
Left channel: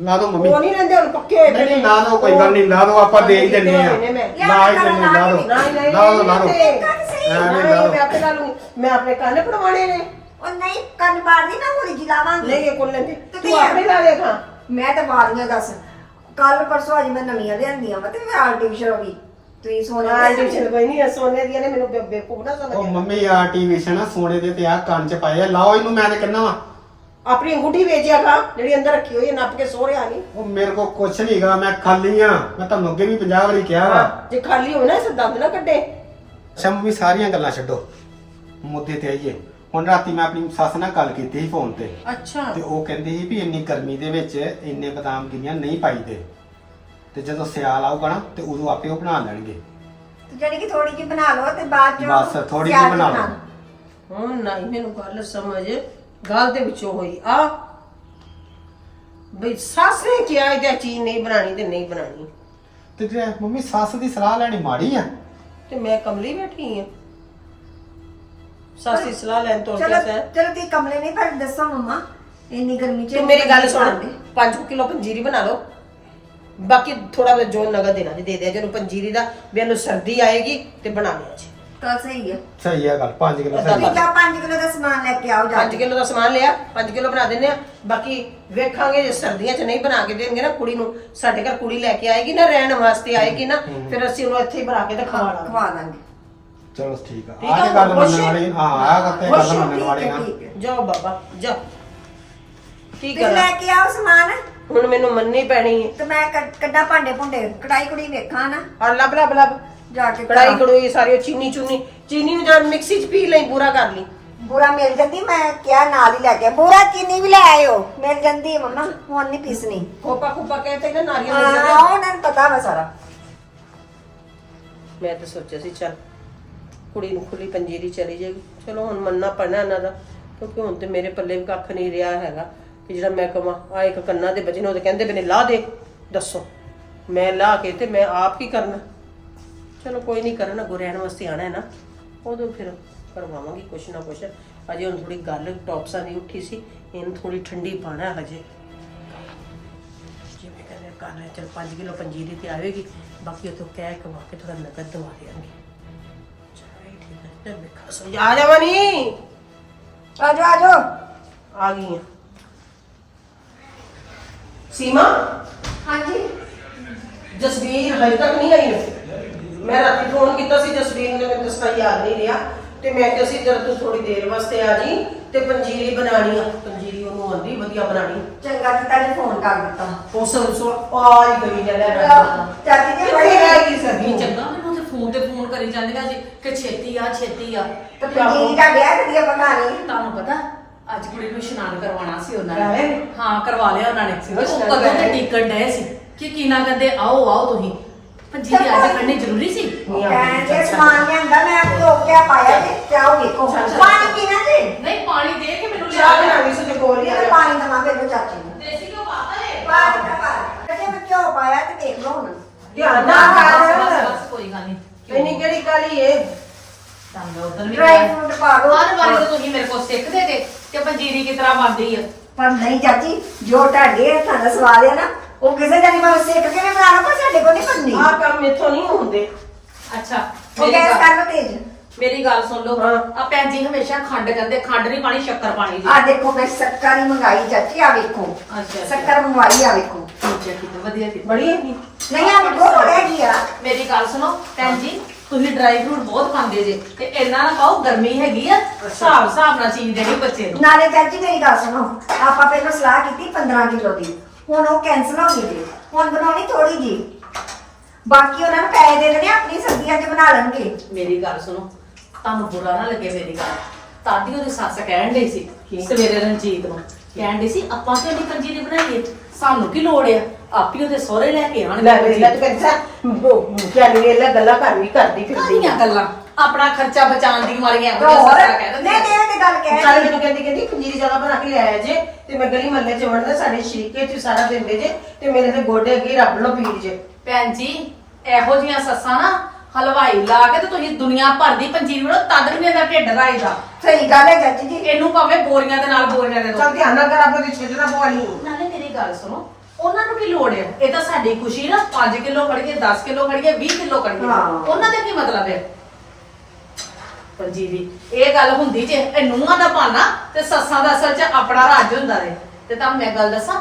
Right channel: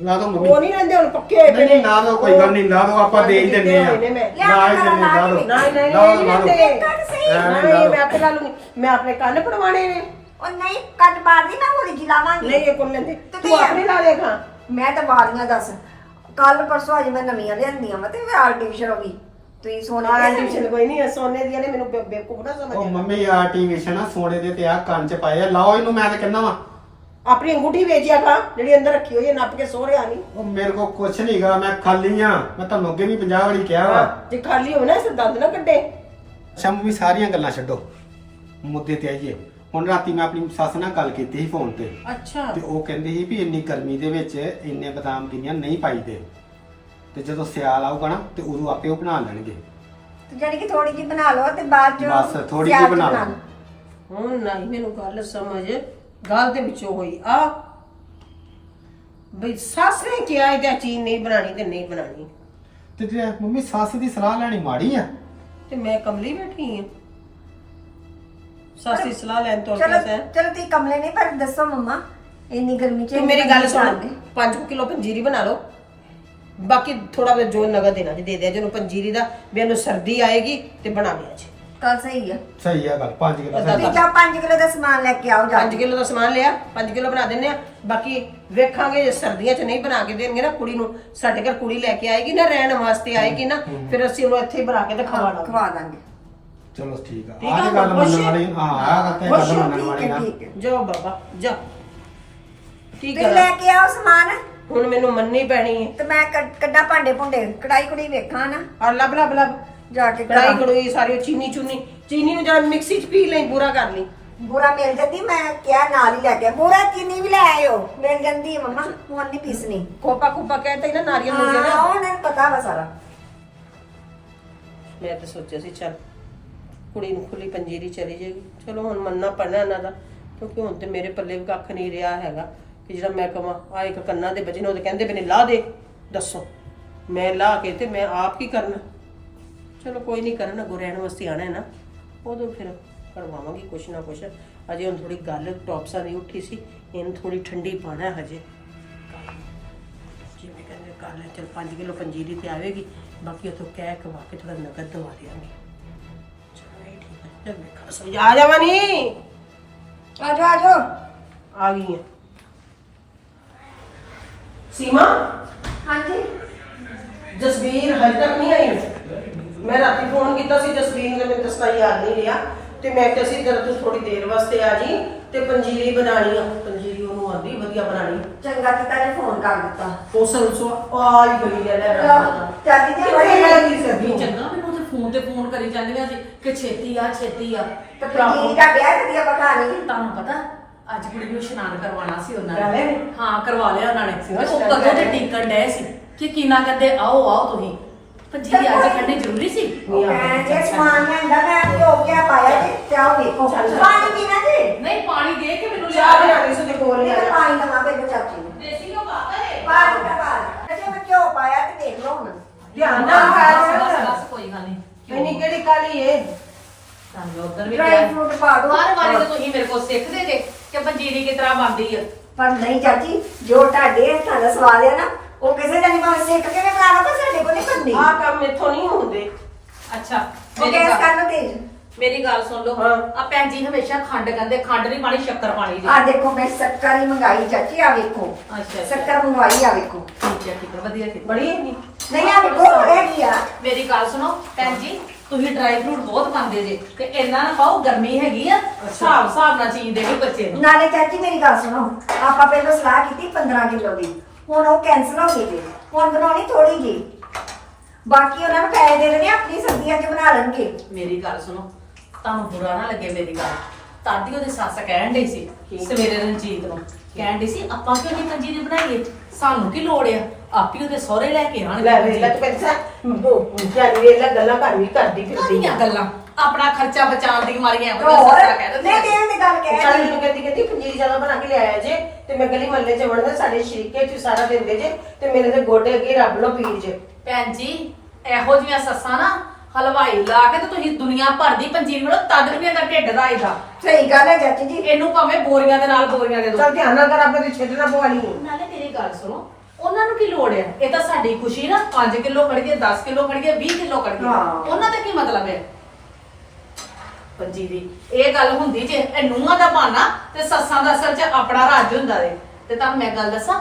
ਲਾ ਦੋ ਮੰਮੀ। ਉਹ ਨਹੀਂ ਰਹਿੰਦੇ ਹੁਣ ਪੱਕੇ ਹੋਏ ਨਹੀਂ ਨਹੀਂ ਲਾ ਦੋ ਕੋਈ ਗੱਲ ਨਹੀਂ ਲਾ ਦੋ ਆਪਾਂ ਦੇ ਹੀ ਦਿੰਨੇ ਆ। ਨੇ ਮੈਂ। ਲਾ ਹੀ ਦਿੰਨੇ ਲਾ ਦੋ। ਨਹੀਂ ਨਹੀਂ ਲਾ ਦੋ ਲਾ ਦੋ। ਨਹੀਂ ਐਵੇਂ ਲਾ ਨਹੀਂ ਦੋ ਮੈਂ ਆਪੇ ਲਾ ਲੂੰਗੀ। ਮੈਂ ਆਪਣੇ ਕੰਨ ਪੜਵਾਣੇ ਨੇ। ਉਹ ਨਹੀਂ ਕੰਨ ਬਾੜਦੀ ਮੈਂ ਹੋਲੀ ਜੀ ਲਾਵਾਂਗੀ ਨਹੀਂ ਇਹ ਕੋਲ ਲੈਂਦੇ। ਤੇ ਤੂੰ? ਆਪਣੇ ਲਾ ਲਿਆ ਖਾਂ। ਮੈਂ ਤਾਂ ਵਾਲੀਆਂ ਦੱਸ। ਕੱਲ ਪਰਸੋਂ ਅੱਜ ਮੈਂ ਨਵੀਆਂ ਲਿਆਂਦੀਆਂ ਵਾ ਤੇ ਮੈਂ ਆਰਟੀਫੀਸ਼ਲ ਹੋ ਗਈ। ਤੁਸੀਂ ਸੋਨੇ ਦੀਆਂ ਆਰਟੀਫੀਸ਼ਲ ਕੋਈ ਨਹੀਂ ਹੈ, ਸੋਨੇ ਦੀਆਂ ਨੇ ਮੈਨੂੰ ਬੇ- ਬੇਵਕੂਫ ਨਾ ਉਹ ਸਮਝ ਮੰਮੀ ਆਰਟੀਫੀਸ਼ਲ ਆ ਸੋਨੇ ਦੇ ਤੇ ਆ ਕੰਨ ਚ ਪਾਏ ਆ। ਲਾਓ ਇਹਨੂੰ ਮੈਂ ਤੇ ਕਹਿੰਦਾ ਵਾ। ਆਪਣੀ ਅੰਗੂਠੀ ਵੇਚਿਆ ਖਾਂ ਜਿਹੜੀ ਅੰਦਰ ਰੱਖੀ ਹੋਈ ਹੈ ਨੱਪ ਕੇ ਸੋ ਰਿਆ ਨਹੀਂ ਉਹ ਮੇਰੇ ਕੋ ਕੁਛ ਨਹੀਂਗਾ ਮੈਂ ਖਾਲੀ ਆ। ਮੈਂ ਤੁਹਾਨੂੰ ਅੱਗੇ ਵੀ 50 ਵਾਰੀ ਕਿਹਾ ਵਾ। ਜੇ ਖਾਲੀ ਹੋਵੇ ਨਾ ਇਸ ਦੰਦ ਨਾ ਕੱਢੇ। ਅੱਛਾ ਮੰਮੀ ਸਾਰੀਆਂ ਗੱਲਾਂ ਛੱਡੋ। ਮੁੱਦੇ ਤੇ ਆਈਏ। ਹੁਣ ਰਾਤੀ ਮੈਂ ਆਪਣੀ ਸੱਸ ਨਾਲ ਗੱਲ ਕੀਤੀ ਸੀ ਫੋਨ ਤੇ। ਅੱਛਾ। ਤੇ ਉਹ ਕਹਿੰਦੀ ਸੀ ਵੀ ਇੰਨੀ ਗਰਮੀ ਦੇ ਵਿੱਚ ਇੰਨੇ ਬਦਾਮ ਗਿਰੀਆਂ ਨਹੀਂ ਪਾਈਦੇ। ਤੇ ਜਦੋਂ ਸਿਆਲ ਆਊਗਾ ਨਾ ਤੇ ਉਦੋਂ ਆਪੇ ਉਹ ਬਣਾ ਲੈਣਗੇ। ਤੇ ਜਿਹੜੀ ਕਿ ਥੋੜੀ ਜੀ ਬਣਾ ਲਓ ਤੇ ਬਾਅਦ ਚ ਬਸ ਥੋੜੀ ਜਿਹੀ ਬਣਾ ਲਓ। ਹੁਣ ਨਹੀਂ ਮੈਨੂੰ ਗੱਲ ਸਮਝ। ਗੱਲ ਦੇ ਵਿੱਚੋਂ ਹੋਈ ਆ। ਬਈ ਸੱਸ ਨੇ ਕਿਹਾ ਇਹਦਾ ਚੀਜ਼ ਨਹੀਂ ਬਣਾਣੀ ਤੇ ਨਹੀਂ ਬਣਾਣੀ ਤੇ ਜੇ ਮੰਮੀ ਸੱਸ ਦੀ ਸਲਾਹ ਲੈਣੀ ਮਾੜੀ ਆ? ਤੇ ਮੈਂ ਕਮਲੀ ਬੈਠੀ ਆ। ਸੱਸ ਦੀ ਸਲਾਹ ਲੈਣ ਤੋਂ ਚਲੋ ਕਿਹਾ ਸੈਂ। ਚਲੋ ਤੁਸੀਂ ਕਮਲੇ ਨਹੀਂ ਪਰ ਦੱਸੋ ਮੰਮਾ ਇੰਨੀ ਗਰਮੀ ਚ ਤੂੰ ਮੇਰੀ ਗੱਲ ਸੁਣ 5 ਕਿਲੋ ਪੰਜੀਰੀ ਬਣਾ ਲਓ। ਬਾਕੀ ਥੋੜਾ ਬਹੁਤ ਜੋ ਨਗਦ ਦੇਣਾ ਜੀ ਦੇ ਦਿਆ ਜਿਹਨੂੰ ਪੰਜੀਰੀ ਦਾ ਵੀ ਇਹਨੂੰ ਸਰਦੀ ਆਏਗੀ ਤੇ ਬਣਾ ਲਿਆ ਜੀ। ਕੱਲ ਸਹੀ ਆ। ਸਹੀ ਆ ਗੱਲ 5 ਕਿਲੋ ਅੱਧਾ ਸਹੀ ਤੁਸੀਂ ਜਾ 5 ਕਿਲੋ ਦਾ ਸਮਾਨ ਲੈ ਕੇ ਆਓ ਜਾ 5 ਕਿਲੋ ਦਾ ਸਮਾਨ ਲਿਆ 5 ਕਿਲੋ ਬਣਾ ਦਿੰਨੇ ਆ। ਬਾਕੀ ਵੇਖਾਂਗੇ ਜੇ ਸਰਦੀਆਂ 'ਚ ਨਹੀਂ ਬਣਾ ਕੇ ਦੇਣਗੇ ਨਾ ਕੁੜੀ ਨੂੰ ਸਾਡੇ ਘਰ ਕੁੜੀ ਲੈ ਕੇ ਆਏਗੀ ਨਾ ਰਹਿਣ ਵਾਸਤੇ ਆਏਗੀ ਨਾ ਫਿਰ ਅਸੀਂ ਉਹਨੂੰ ਇੱਥੇ ਹੀ ਬਣਾ ਕੇ ਤੇ ਖਵਾ ਦਾਂਗੇ ਖਵਾ ਦਾਂਗੇ। ਚਲੋ ਠੀਕ ਆ। ਠੀਕ ਆਹ ਆ, ਤੇ ਗੱਲ ਮੰਨਣ? ਵਾਲੀ ਹਾਂ ਆਹ ਗੱਲ ਤੇ ਗੱਲ ਹੋ, ਮੰਨਣ ਵਾਲੀ ਠੀਕ ਠੀਕ ਹੈ। ਜਾਓ ਬਾਬਾ ਜਾ ਕੀ ਤੁਸੀਂ ਲੈ ਕੇ ਆਓ ਸਮਾਨ। ਹੁਣ ਮੈਨੂੰ ਮੰਨਣੀ ਪੈਣੀ ਹੈ ਤੇ ਮੈਂ ਕੱਢ- ਕੱਢਾਂ ਭਾਂਡੇ ਭੁੰਡੇ। ਕੜਾਈ ਕੁੜੀ ਵੇਖਾਂ ਨਾ। ਔਰ ਲੱਭ ਲੱਭ ਲੱਭ। ਜਾ ਕੇ ਕੜਾਈ ਕੜਾਈ ਸਾਰੀ ਚੀਨੀ ਚੁਨੀ। ਚੀਨੀ ਨੂੰ ਜਾਂ ਮਿਕਸੀ 'ਚ ਪੀ ਲਈ ਪੂਰਾ ਕਰ ਲਈ। ਬੂਰਾ ਮਿਲ ਜਾਂਦੀ ਮੈਂ ਕਿਹਾ ਨਾਲ ਹੀ ਲੈ ਕੇ ਬੂਰਾ ਚੀਨੀ ਵੀ ਲੈ ਆਇਓ। ਮਿਲ ਜਾਂਦੀ ਹੈ ਮੰਮਾ ਹੁਣ ਨਹੀਂ ਪੀਸਣੀ। ਖੋਪਾ ਖੋਪਾ ਕਹਿੰਦੇ ਨਾ ਨਾਰੀਅਲ ਹਾਂ ਨੂੰ ਉਹਨਾਂ ਨੂੰ ਪਤਾ ਵਾ ਸਾਰਾ। ਮੈਂ ਤਾਂ ਸੋਚਿਆ ਸੀ ਚੱਲ ਕੁੜੀ ਨੂੰ ਖੁੱਲੀ ਪੰਜੀਰੀ ਚਲੀ ਜਾਏਗੀ। ਚਲੋ ਹੁਣ ਮੰਨਣਾ ਪੈਣਾ ਇਹਨਾਂ ਦਾ ਕਿਉਂਕਿ ਹੁਣ ਤੇ ਮੇਰੇ ਪੱਲੇ ਵੀ ਕੱਖ ਨਹੀਂ ਰਿਹਾ ਹੈਗਾ। ਕਿ ਜਿਹੜਾ ਮੈਂ ਕਵਾਂ ਆ ਇੱਕ ਕੰਨਾਂ ਦੇ ਬੱਚੇ ਨੇ ਉਹਦੇ ਕਹਿੰਦੇ ਬਨੇ ਲਾ ਦੇ ਦੱਸੋ। ਮੈਂ ਲਾ ਕੇ ਤੇ ਮੈਂ ਆਪ ਕੀ ਕਰਨਾ? ਚਲੋ ਕੋਈ ਨਹੀਂ ਕਰਨਾ ਰਹਿਣ ਵਾਸਤੇ ਆਣਾ ਹੈ ਨਾ। ਉਦੋਂ ਫਿਰ ਕਰਵਾਵਾਂਗੀ ਕੁਛ ਨਾ ਕੁਛ। ਅਜੇ ਹੁਣ ਥੋੜੀ ਗੱਲ ਟੌਪਸਾਂ ਦੀ ਉੱਠੀ ਸੀ ਇਹਨੂੰ ਥੋੜੀ ਠੰਡੀ ਪਾਣਾ ਹਜੇ। ਜਿਵੇਂ ਕਹਿੰਦੇ ਕਰ ਲੈ ਚਲ 5 ਕਿਲੋ ਪੰਜੀਰੀ ਤੇ ਆਵੇਗੀ ਬਾਕੀ ਉਥੋਂ ਕਹਿ ਕਵਾ ਕੇ ਥੋੜਾ ਨਗਦ ਦਵਾ ਦਿਆਂਗੇ। ਚਲ ਠੀਕ ਹੈ ਤੇ ਮੈਂ ਖਾਸ ਆ ਜਾਵਾਂ ਨਹੀਂ ਆ ਜਾ ਆ ਜਾ ਆ ਗਈ ਆ ਸੀਮਾ? ਹਾਂਜੀ। ਜਸਵੀਰ ਹਜੇ ਤੱਕ ਨਹੀਂ ਆਈ? ਮੈਂ ਰਾਤੀ ਫੋਨ ਕੀਤਾ ਸੀ ਜਸਵੀਰ ਨੇ ਮੈਨੂੰ ਦੱਸਣਾ ਯਾਦ ਨਹੀਂ ਰਿਹਾ। ਤੇ ਮੈਂ ਕਿਹਾ ਸੀ ਜਦ ਤੂੰ ਥੋੜੀ ਦੇਰ ਵਾਸਤੇ ਆ ਜੀ ਤੇ ਪੰਜੀਰੀ ਬਣਾਣੀ ਆ। ਪੰਜੀਰੀ ਉਹਨੂੰ ਆਂਦੀ ਵਧੀਆ ਬਣਾਣੀ। ਚੰਗਾ ਕੀਤਾ ਜੀ ਫੋਨ ਕਰ ਦਿੱਤਾ। ਉਸ ਸੋ ਆਈ ਗਈ ਲੈ ਲੈ ਚਾਚੀ ਜੀ ਬੜੀ ਰਹਿ ਗਈ ਸਰਦੀ ਵੀ ਚੰਗਾ ਮੈਨੂੰ ਤੇ ਫੋਨ ਤੇ ਫੋਨ ਕਰੀ ਜਾਂਦੀਆਂ ਜੀ ਕਿ ਛੇਤੀ ਆ ਛੇਤੀ ਆ। ਤੇ ਪੰਜੀਰੀ ਦਾ ਵਿਆਹ ਵਧੀਆ ਪਕਾ ਲਈ ਤੁਹਾਨੂੰ ਪਤਾ ਅੱਜ ਕੁੜੀ ਨੂੰ ਇਸ਼ਨਾਨ ਕਰਵਾਉਣਾ ਸੀ ਉਹਨਾਂ? ਨੇ। ਹਾਂ ਕਰਵਾ ਲਿਆ ਉਹਨਾਂ ਨੇ। ਉਹ ਕਦੋਂ ਦੇ ਹੈ। ਟਿਕਣ ਡਏ ਸੀ? ਕਿ ਕੀਨਾ ਕਹਿੰਦੇ ਆਓ ਆਓ ਤੁਸੀਂ। ਪੰਜੀਰੀ ਅੱਜ ਖੜਨੀ ਜ਼ਰੂਰੀ ਸੀ? ਕਹਿੰਦੇ ਸਮਾਨ ਲਿਆਂਦਾ ਮੈਂ ਧੋ ਕੇ ਪਾਇਆ ਤੇ ਚਾਹ ਵੇਖੋ ਪਾਣੀ ਪੀਣਾ ਜੀ? ਨਹੀਂ ਪਾਣੀ ਦੇ ਕੇ ਮੈਨੂੰ ਚਾਹ ਬਣਾ ਲਈ ਸੁਣੇ ਕੋਲ ਹੀ ਆ। ਇਹ ਪਾਣੀ ਦਾ ਮਾਪੇ ਨੂੰ ਚਾਚੀ ਨੂੰ। ਦੇਸੀ ਕੋ ਪਾਤਾ ਹੈ ਪਾਣੀ ਦਾ ਪਾਣੀ ਜੇ ਮੈਂ ਕਿਉਂ ਪਾਇਆ ਤੇ ਦੇਖ ਲਓ ਹੁਣ। ਧਿਆਨ ਨਾਲ ਬਸ ਬਸ ਕਰ ਬਸ ਕੋਈ ਗੱਲ ਨਹੀਂ। ਇੰਨੀ ਕਿਹੜੀ ਕਾਲੀ ਏ? ਤੁਹਾਨੂੰ ਉਧਰ ਵੀ ਡਰਾਈ ਫਰੂਟ ਪਾ ਦੋ। ਹਰ ਵਾਰੀ ਤਾਂ ਤੁਸੀਂ ਮੇਰੇ ਕੋਲ ਸਿੱਖਦੇ ਤੇ ਕਿ ਪੰਜੀਰੀ ਕਿਸ ਤਰ੍ਹਾਂ ਬਣਦੀ ਆ? ਪਰ ਨਹੀਂ ਚਾਚੀ ਜੋ ਤੁਹਾਡੇ ਹੱਥਾਂ ਦਾ ਸਵਾਦ ਹੈ ਨਾ ਉਹ ਕਿਸੇ ਦਾ ਨਹੀਂ ਮੈਂ ਸਿੱਖ ਕੇ ਵੀ ਬਣਾ ਲਓ ਪਰ ਸਾਡੇ ਕੋਲ ਨਹੀਂ ਬੰਦੀ ਆਹ ਕੰਮ ਮੇਥੋਂ ਨਹੀਂ ਹੁੰਦੇ। ਅੱਛਾ ਉਹ ਮੇਰੀ ਗੈਸ ਗੱਲ ਕਰ ਲਓ ਤੇਜ਼ ਮੇਰੀ ਗੱਲ ਸੁਣ ਲਓ ਹਾਂ। ਆ ਭੈਣ ਜੀ ਹਮੇਸ਼ਾ ਖੰਡ ਕਹਿੰਦੇ ਖੰਡ ਨਹੀਂ ਪਾਣੀ ਸ਼ੱਕਰ ਪਾਣੀ ਜੀ। ਆ ਦੇਖੋ ਮੈਂ ਸ਼ੱਕਰ ਹੀ ਮੰਗਾਈ ਚਾਚੀ ਆ ਵੇਖੋ। ਅੱਛਾ ਸ਼ੱਕਰ ਮੰਗਵਾਈ ਆ ਵੇਖੋ। ਠੀਕ ਹੈ ਠੀਕ ਹੈ ਵਧੀਆ ਕੀਤਾ ਬੜੀ ਹੈਗੀ। ਨਹੀਂ ਆ ਵੇਖੋ ਹੈਗੀ ਆ। ਮੇਰੀ ਗੱਲ ਸੁਣੋ ਭੈਣ ਜੀ ਤੁਸੀਂ ਡਰਾਈ ਫਰੂਟ ਬਹੁਤ ਖਾਂਦੇ ਜੇ ਤੇ ਇੰਨਾ ਨਾ ਪਾਓ ਗਰਮੀ ਹੈਗੀ ਆ ਹਿਸਾਬ ਹਿਸਾਬ ਨਾਲ ਚੀਜ਼ ਦੇਣੀ ਬੱਚੇ ਨੂੰ। ਨਾਲੇ ਚਾਚੀ ਮੇਰੀ ਗੱਲ ਸੁਣੋ ਆਪਾਂ ਪਹਿਲਾਂ ਸਲਾਹ ਕੀਤੀ 15 ਕਿਲੋ ਦੀ ਹੁਣ ਉਹ ਕੈਨਸਲ ਹੋ ਗਈ ਜੀ। ਹੁਣ ਬਣਾਉਣੀ ਥੋੜੀ ਜੀ। ਬਾਕੀ ਉਹਨਾਂ ਨੂੰ ਪੈਸੇ ਦੇ ਦੇਣੇ ਆਪਣੀ ਸਬਜ਼ੀਆਂ ਚ ਬਣਾ ਲੈਣਗੇ। ਮੇਰੀ ਗੱਲ ਸੁਣੋ ਤੁਹਾਨੂੰ ਬੁਰਾ ਨਾ ਲੱਗੇ ਮੇਰੀ ਗੱਲ। ਤਾਤੀ ਉਹਦੀ ਸੱਸ ਕਹਿਣ ਡਈ ਸੀ ਸਵੇਰੇ ਰਣਜੀਤ ਨੂੰ। ਕਹਿਣ ਡਈ ਸੀ ਆਪਾਂ ਕਿਉਂ ਨਹੀਂ ਪੰਜੀਰੀ ਬਣਾਈਏ? ਸਾਨੂੰ ਕੀ ਲੋੜ ਆ? ਆਪੀ ਉਹਦੇ ਸਹੁਰੇ ਲੈ ਕੇ ਆਣਗੇ ਲੈ ਵੇਲਾ ਤੂੰ ਕਹਿੰਦਾ ਜਾਨੀ ਵੇਲਾ ਗੱਲਾਂ ਕਰ ਵੀ ਕਰਦੀ ਫਿਰਦੀ ਕਾਹਦੀਆਂ ਗੱਲਾਂ? ਆਪਣਾ ਖਰਚਾ ਬਚਾਉਣ ਦੀ ਮਾਰੀਆਂ ਉਹਦੀਆਂ ਸੱਸ ਕਹਿ ਦਿੰਦੀ ਨਹੀਂ ਨਹੀਂ ਇਹ ਤੇ ਗੱਲ ਕਹਿ ਰਹੀ ਮੈਨੂੰ ਕਹਿੰਦੀ ਕਹਿੰਦੀ ਪੰਜੀਰੀ ਜ਼ਿਆਦਾ ਬਣਾ ਕੇ ਲਿਆਇਆ ਜੇ ਤੇ ਮੈਂ ਗਲੀ ਮਹੱਲੇ 'ਚ ਵੜਦਾ ਸਾਡੇ ਸ਼ਰੀਕੇ 'ਚ ਸਾਰਾ ਦਿੰਦੇ ਜੇ ਤੇ ਮੇਰੇ ਤੇ ਗੋਡੇ ਅੱਗੇ ਰੱਬ ਲੋ ਪੀਰ ਜੇ। ਭੈਣ ਜੀ ਇਹੋ ਜੀਆਂ ਸੱਸਾਂ ਨਾ ਹਲਵਾਈ ਲਾ ਕੇ ਤੇ ਤੁਸੀਂ ਦੁਨੀਆ ਭਰ ਦੀ ਪੰਜੀਰੀ ਬਣੋ ਤਦ ਵੀ ਇਹਦਾ ਢਿੱਡ ਰਾਈਦਾ। ਸਹੀ ਗੱਲ ਹੈ ਚਾਚੀ ਜੀ। ਇਹਨੂੰ ਭਾਵੇਂ ਬੋਰੀਆਂ ਦੇ ਨਾਲ ਬੋਰੀਆਂ ਦੇ ਦੋ। ਚਲ ਧਿਆਨ ਨਾਲ ਕਰ ਆਪੇ ਦੀ ਨਾ ਪਵਾਲੀ ਨਾਲੇ ਮੇਰੀ ਗੱਲ ਸੁਣੋ ਉਹਨਾਂ ਨੂੰ ਕੀ ਲੋੜ ਹੈ ਇਹ ਤਾਂ ਸਾਡੀ ਖੁਸ਼ੀ ਨਾ 5 ਕਿਲੋ ਖੜੀਏ 10 ਕਿਲੋ ਖੜੀਏ 20 ਕਿਲੋ ਖੜੀਏ ਹਾਂ। ਉਹਨਾਂ ਦਾ ਕੀ ਮਤਲਬ ਹੈ ਪੰਜੀਰੀ ਇਹ ਗੱਲ ਹੁੰਦੀ ਜੇ ਇਹ ਨੂੰਹਾਂ ਦਾ ਬਹਾਨਾ ਤੇ ਸੱਸਾਂ ਦਾ ਅਸਲ 'ਚ ਆਪਣਾ ਰਾਜ ਹੁੰਦਾ ਰੇ ਤੇ ਤੁਹਾਨੂੰ ਮੈਂ ਗੱਲ ਦੱਸਾਂ